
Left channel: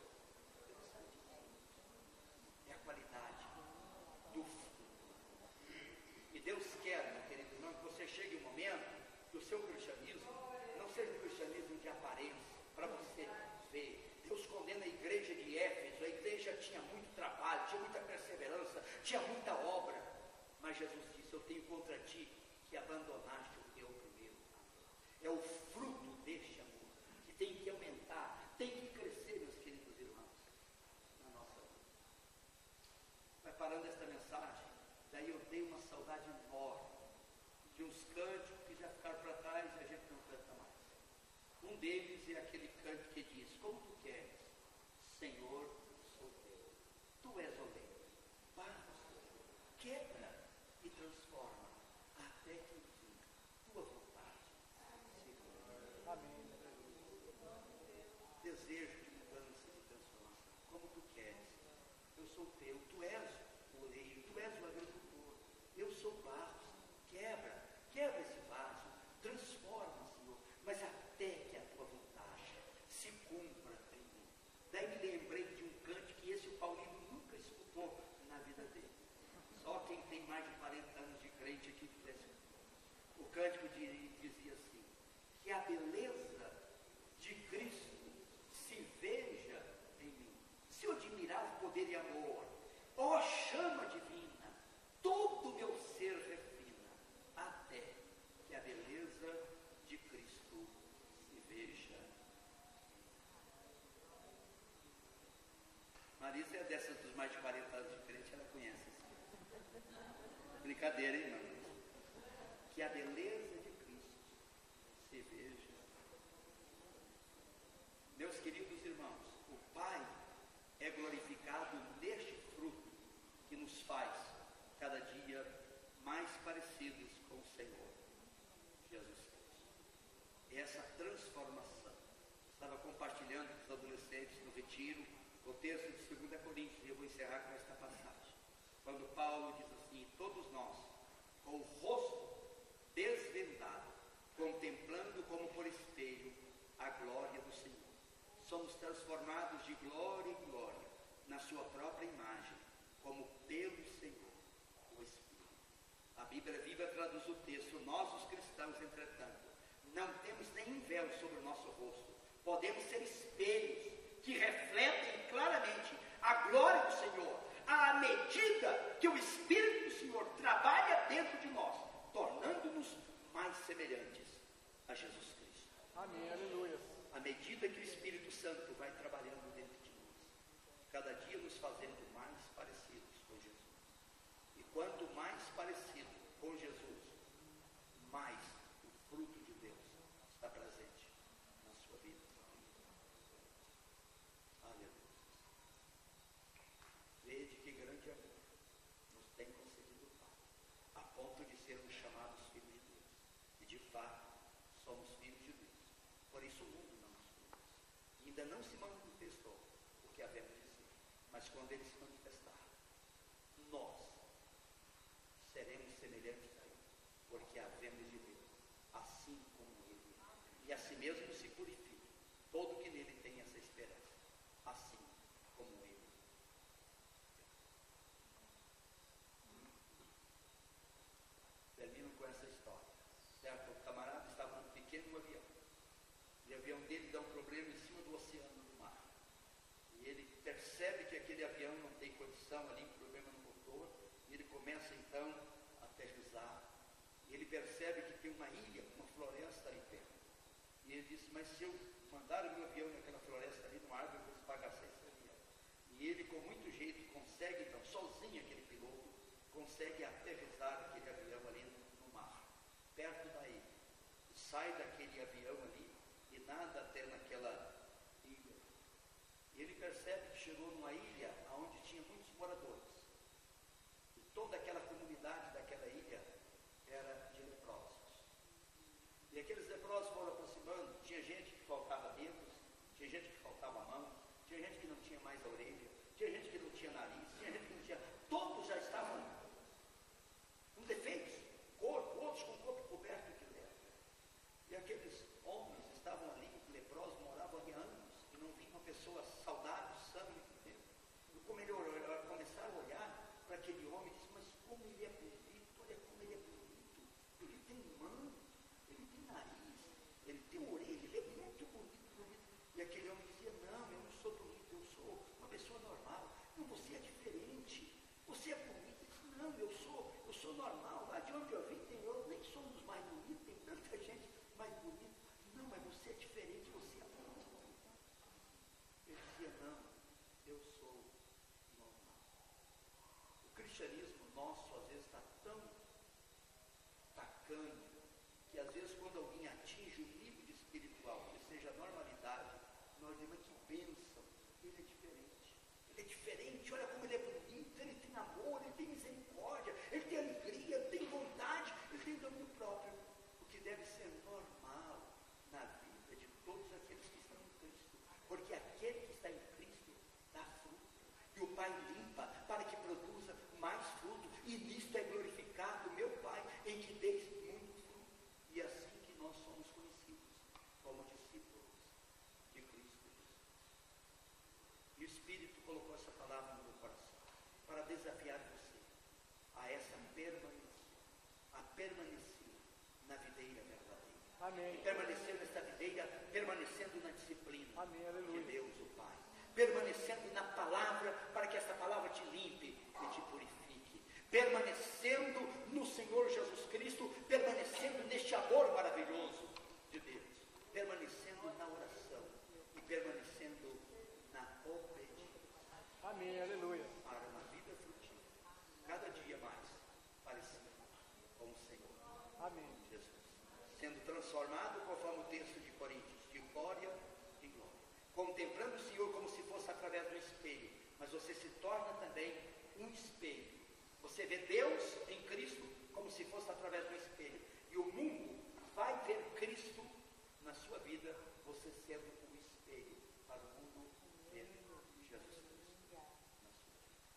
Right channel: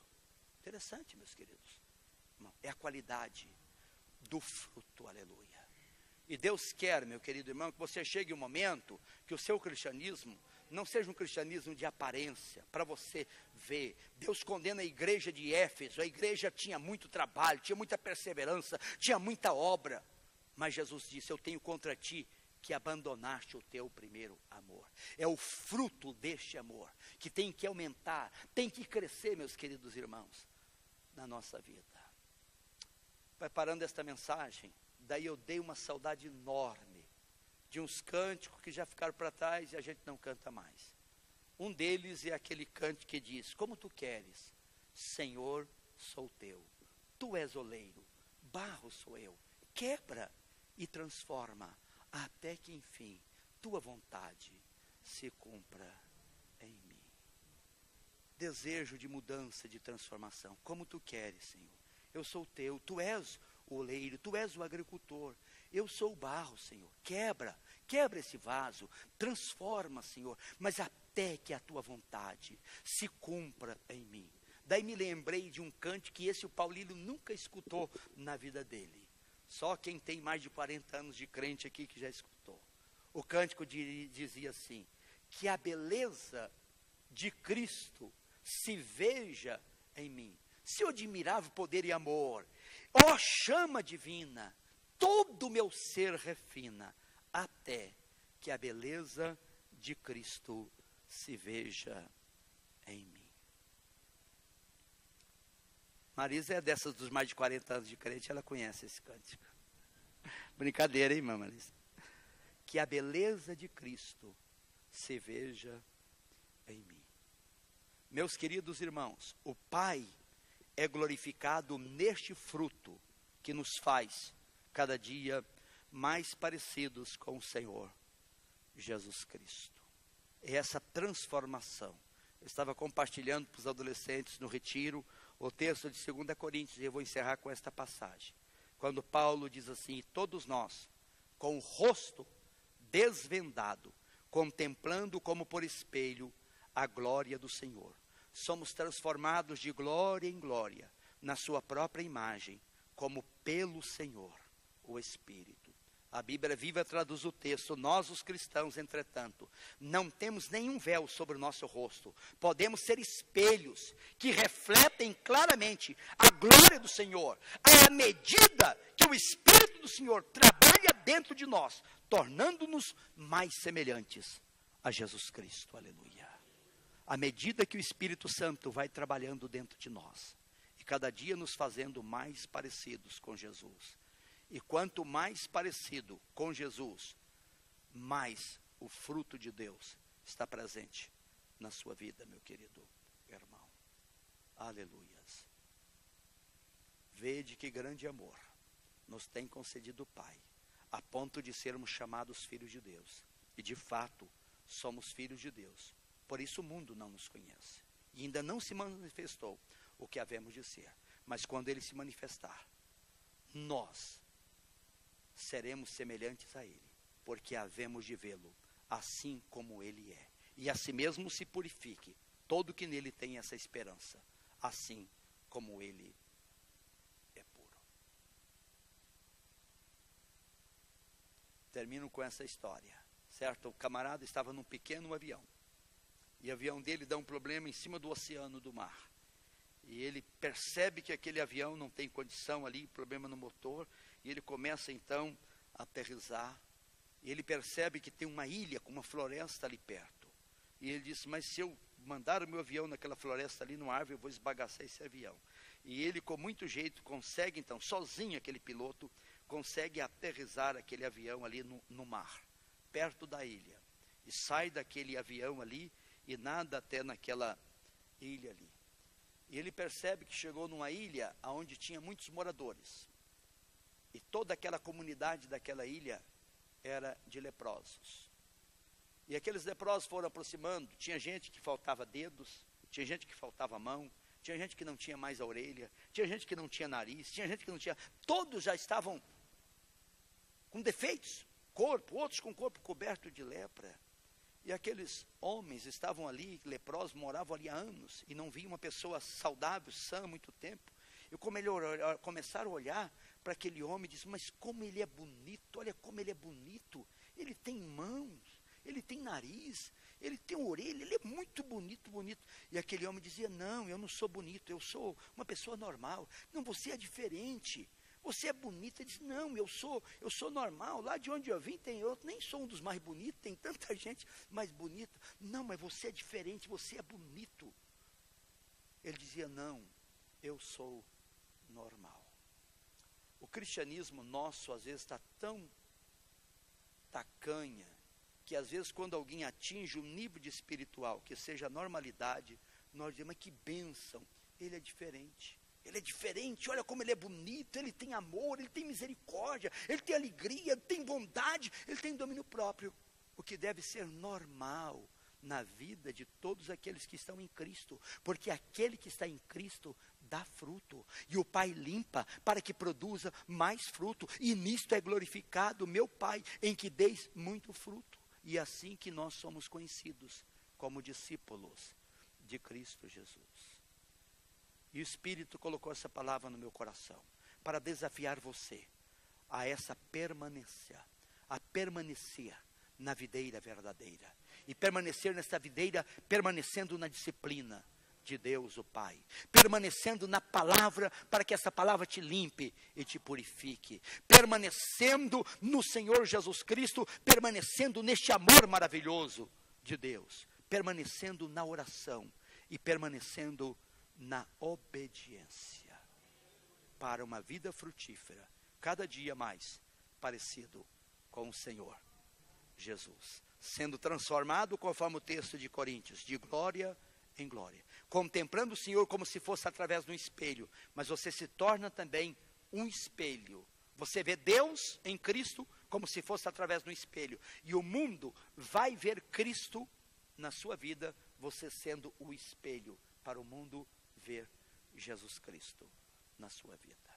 Interessante, meus queridos. Não, é a qualidade do fruto. E Deus quer, meu querido irmão, que você chegue um momento que o seu cristianismo não seja um cristianismo de aparência, para você ver. Deus condena a igreja de Éfeso, a igreja tinha muito trabalho, tinha muita perseverança, tinha muita obra, mas Jesus disse, eu tenho contra ti que abandonaste o teu primeiro amor. É o fruto deste amor, que tem que aumentar, tem que crescer, meus queridos irmãos, na nossa vida. Preparando esta mensagem, daí eu dei uma saudade enorme de uns cânticos que já ficaram para trás e a gente não canta mais. Um deles é aquele cântico que diz, como tu queres, Senhor, sou teu. Tu és oleiro, barro sou eu. Quebra e transforma, até que enfim, tua vontade se cumpra em mim. Desejo de mudança, de transformação, como tu queres, Senhor. Eu sou teu, tu és o oleiro, tu és o agricultor, eu sou o barro, Senhor, quebra esse vaso, transforma, Senhor, mas até que a tua vontade se cumpra em mim. Daí me lembrei de um cântico que esse o Paulino nunca escutou na vida dele, só quem tem mais de 40 anos de crente aqui que já escutou. O cântico dizia assim, que a beleza de Cristo se veja em mim, seu admirável poder e amor, ó chama divina, todo o meu ser refina, até que a beleza de Cristo se veja em mim. Marisa é dessas dos mais de 40 anos de crente, ela conhece esse cântico. Brincadeira, hein, irmã Marisa? Que a beleza de Cristo se veja em mim. Meus queridos irmãos, o Pai é glorificado neste fruto que nos faz cada dia mais parecidos com o Senhor Jesus Cristo. É essa transformação. Eu estava compartilhando para os adolescentes no retiro o texto de 2 Coríntios, e eu vou encerrar com esta passagem. Quando Paulo diz assim: todos nós, com o rosto desvendado, contemplando como por espelho a glória do Senhor, somos transformados de glória em glória, na sua própria imagem, como pelo Senhor, o Espírito. A Bíblia Viva traduz o texto: nós os cristãos, entretanto, não temos nenhum véu sobre o nosso rosto, podemos ser espelhos que refletem claramente a glória do Senhor, à medida que o Espírito do Senhor trabalha dentro de nós, tornando-nos mais semelhantes a Jesus Cristo. Aleluia. À medida que o Espírito Santo vai trabalhando dentro de nós, e cada dia nos fazendo mais parecidos com Jesus. E quanto mais parecido com Jesus, mais o fruto de Deus está presente na sua vida, meu querido irmão. Aleluias. Vede que grande amor nos tem concedido o Pai, a ponto de sermos chamados filhos de Deus. E de fato, somos filhos de Deus. Por isso o mundo não nos conhece. E ainda não se manifestou o que havemos de ser. Mas quando ele se manifestar, nós seremos semelhantes a ele, porque havemos de vê-lo assim como ele é. E assim mesmo se purifique todo que nele tem essa esperança, assim como ele é puro. Termino com essa história, certo? O camarada estava num pequeno avião, e o avião dele dá um problema em cima do oceano, do mar. E ele percebe que aquele avião não tem condição ali, um problema no motor, e ele começa então a aterrissar, e ele percebe que tem uma ilha com uma floresta ali perto. E ele disse: mas se eu mandar o meu avião naquela floresta ali, numa árvore, eu vou esbagaçar esse avião. E ele, com muito jeito, consegue então, sozinho aquele piloto, consegue aterrissar aquele avião ali no mar, perto da ilha. E sai daquele avião ali e nada até naquela ilha ali. E ele percebe que chegou numa ilha onde tinha muitos moradores. E toda aquela comunidade daquela ilha era de leprosos. E aqueles leprosos foram aproximando. Tinha gente que faltava dedos, tinha gente que faltava mão, tinha gente que não tinha mais a orelha, tinha gente que não tinha nariz, tinha gente que não tinha... Todos já estavam com defeitos, corpo, outros com o corpo coberto de lepra. E aqueles homens estavam ali, leprosos, moravam ali há anos, e não viam uma pessoa saudável, sã, há muito tempo. E como ele começaram a olhar para aquele homem, disse: mas como ele é bonito, olha como ele é bonito, ele tem mãos, ele tem nariz, ele tem orelha, ele é muito bonito, bonito. E aquele homem dizia: não, eu não sou bonito, eu sou uma pessoa normal. Não, você é diferente, você é bonito. Ele disse: não, eu sou normal, lá de onde eu vim tem outro, nem sou um dos mais bonitos, tem tanta gente mais bonita. Não, mas você é diferente, você é bonito. Ele dizia: não, eu sou normal. O cristianismo nosso às vezes está tão tacanha, que às vezes quando alguém atinge um nível de espiritual, que seja a normalidade, nós dizemos: mas que bênção, ele é diferente. Ele é diferente, olha como ele é bonito, ele tem amor, ele tem misericórdia, ele tem alegria, ele tem vontade, ele tem domínio próprio. O que deve ser normal na vida de todos aqueles que estão em Cristo, porque aquele que está em Cristo dá fruto, e o Pai limpa para que produza mais fruto, e nisto é glorificado meu Pai, em que deis muito fruto. E assim que nós somos conhecidos como discípulos de Cristo Jesus. E o Espírito colocou essa palavra no meu coração, para desafiar você a essa permanência, a permanecer na videira verdadeira. Amém. E permanecer nessa videira, permanecendo na disciplina. Amém. De Deus o Pai, permanecendo na palavra, para que essa palavra te limpe e te purifique, permanecendo no Senhor Jesus Cristo, permanecendo neste amor maravilhoso de Deus, permanecendo na oração e permanecendo na obediência. Amém, aleluia. Para uma vida frutífera, cada dia mais parecido com o Senhor. Amém. Jesus, sendo transformado conforme o texto de Coríntios, de glória em glória, contemplando o Senhor como se fosse através do espelho, mas você se torna também um espelho. Você vê Deus em Cristo como se fosse através do espelho, e o mundo vai ver Cristo na sua vida, você sendo o espelho para o mundo ver Jesus Cristo na sua vida.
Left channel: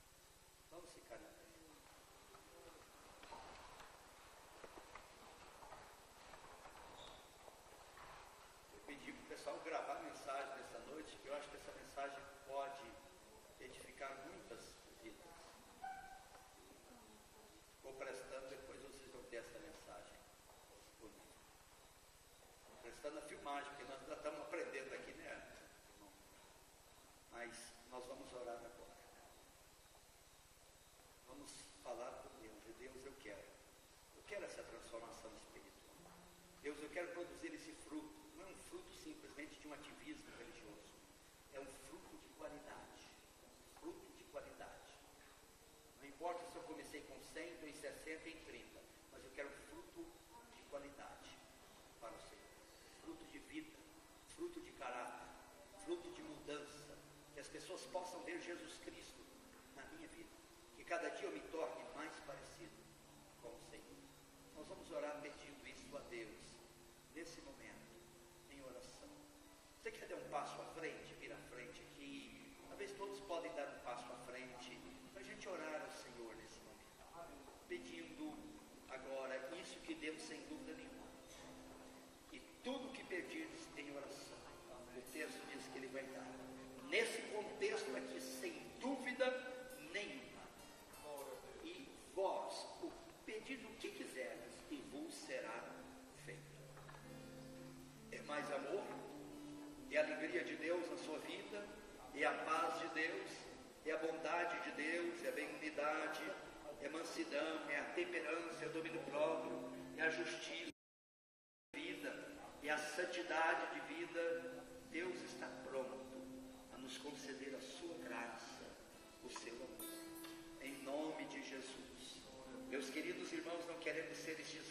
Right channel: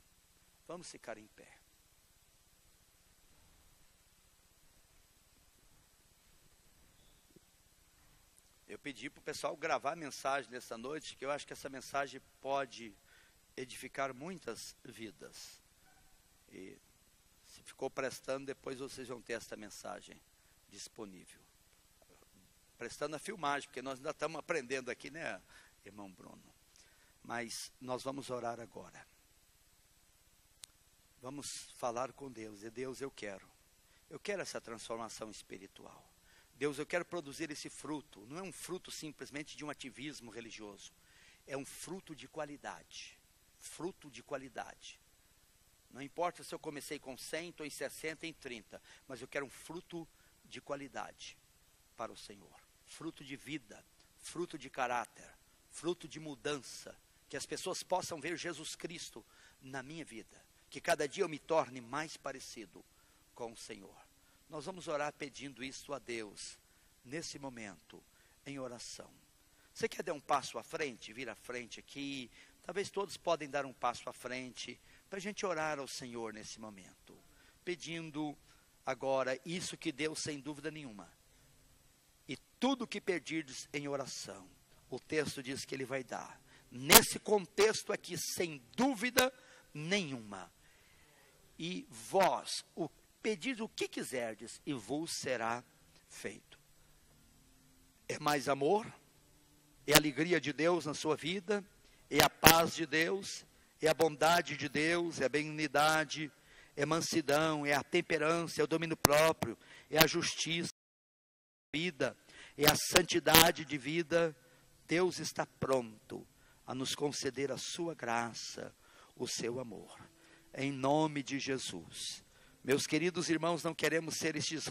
Vamos ficar em pé. Eu pedi para o pessoal gravar a mensagem dessa noite, que eu acho que essa mensagem pode edificar muitas vidas. E se ficou prestando, depois vocês vão ter essa mensagem disponível. Prestando a filmagem, porque nós ainda estamos aprendendo aqui, né, irmão Bruno? Mas nós vamos orar agora. Vamos falar com Deus. E Deus, eu quero essa transformação espiritual. Deus, eu quero produzir esse fruto. Não é um fruto simplesmente de um ativismo religioso. É um fruto de qualidade. Fruto de qualidade. Não importa se eu comecei com 100, estou em 60, em 30. Mas eu quero um fruto de qualidade para o Senhor. Fruto de vida. Fruto de caráter. Fruto de mudança. Que as pessoas possam ver Jesus Cristo na minha vida. Que cada dia eu me torne mais parecido com o Senhor. Nós vamos orar pedindo isso a Deus, nesse momento, em oração. Você quer dar um passo à frente, vir à frente aqui? Talvez todos podem dar um passo à frente, para a gente orar ao Senhor nesse momento. Pedindo agora isso que Deus, sem dúvida nenhuma. E tudo que pedirdes em oração, o texto diz que Ele vai dar. Nesse contexto aqui, sem dúvida nenhuma. E vós, pedir o que quiserdes, e vos será feito. É mais amor, é a alegria de Deus na sua vida, é a paz de Deus, é a bondade de Deus, é a benignidade, é a mansidão, é a temperança, é o domínio próprio, é a justiça de vida, é a santidade de vida. Deus está pronto a nos conceder a sua graça, o seu amor, em nome de Jesus. Meus queridos irmãos, não queremos ser estes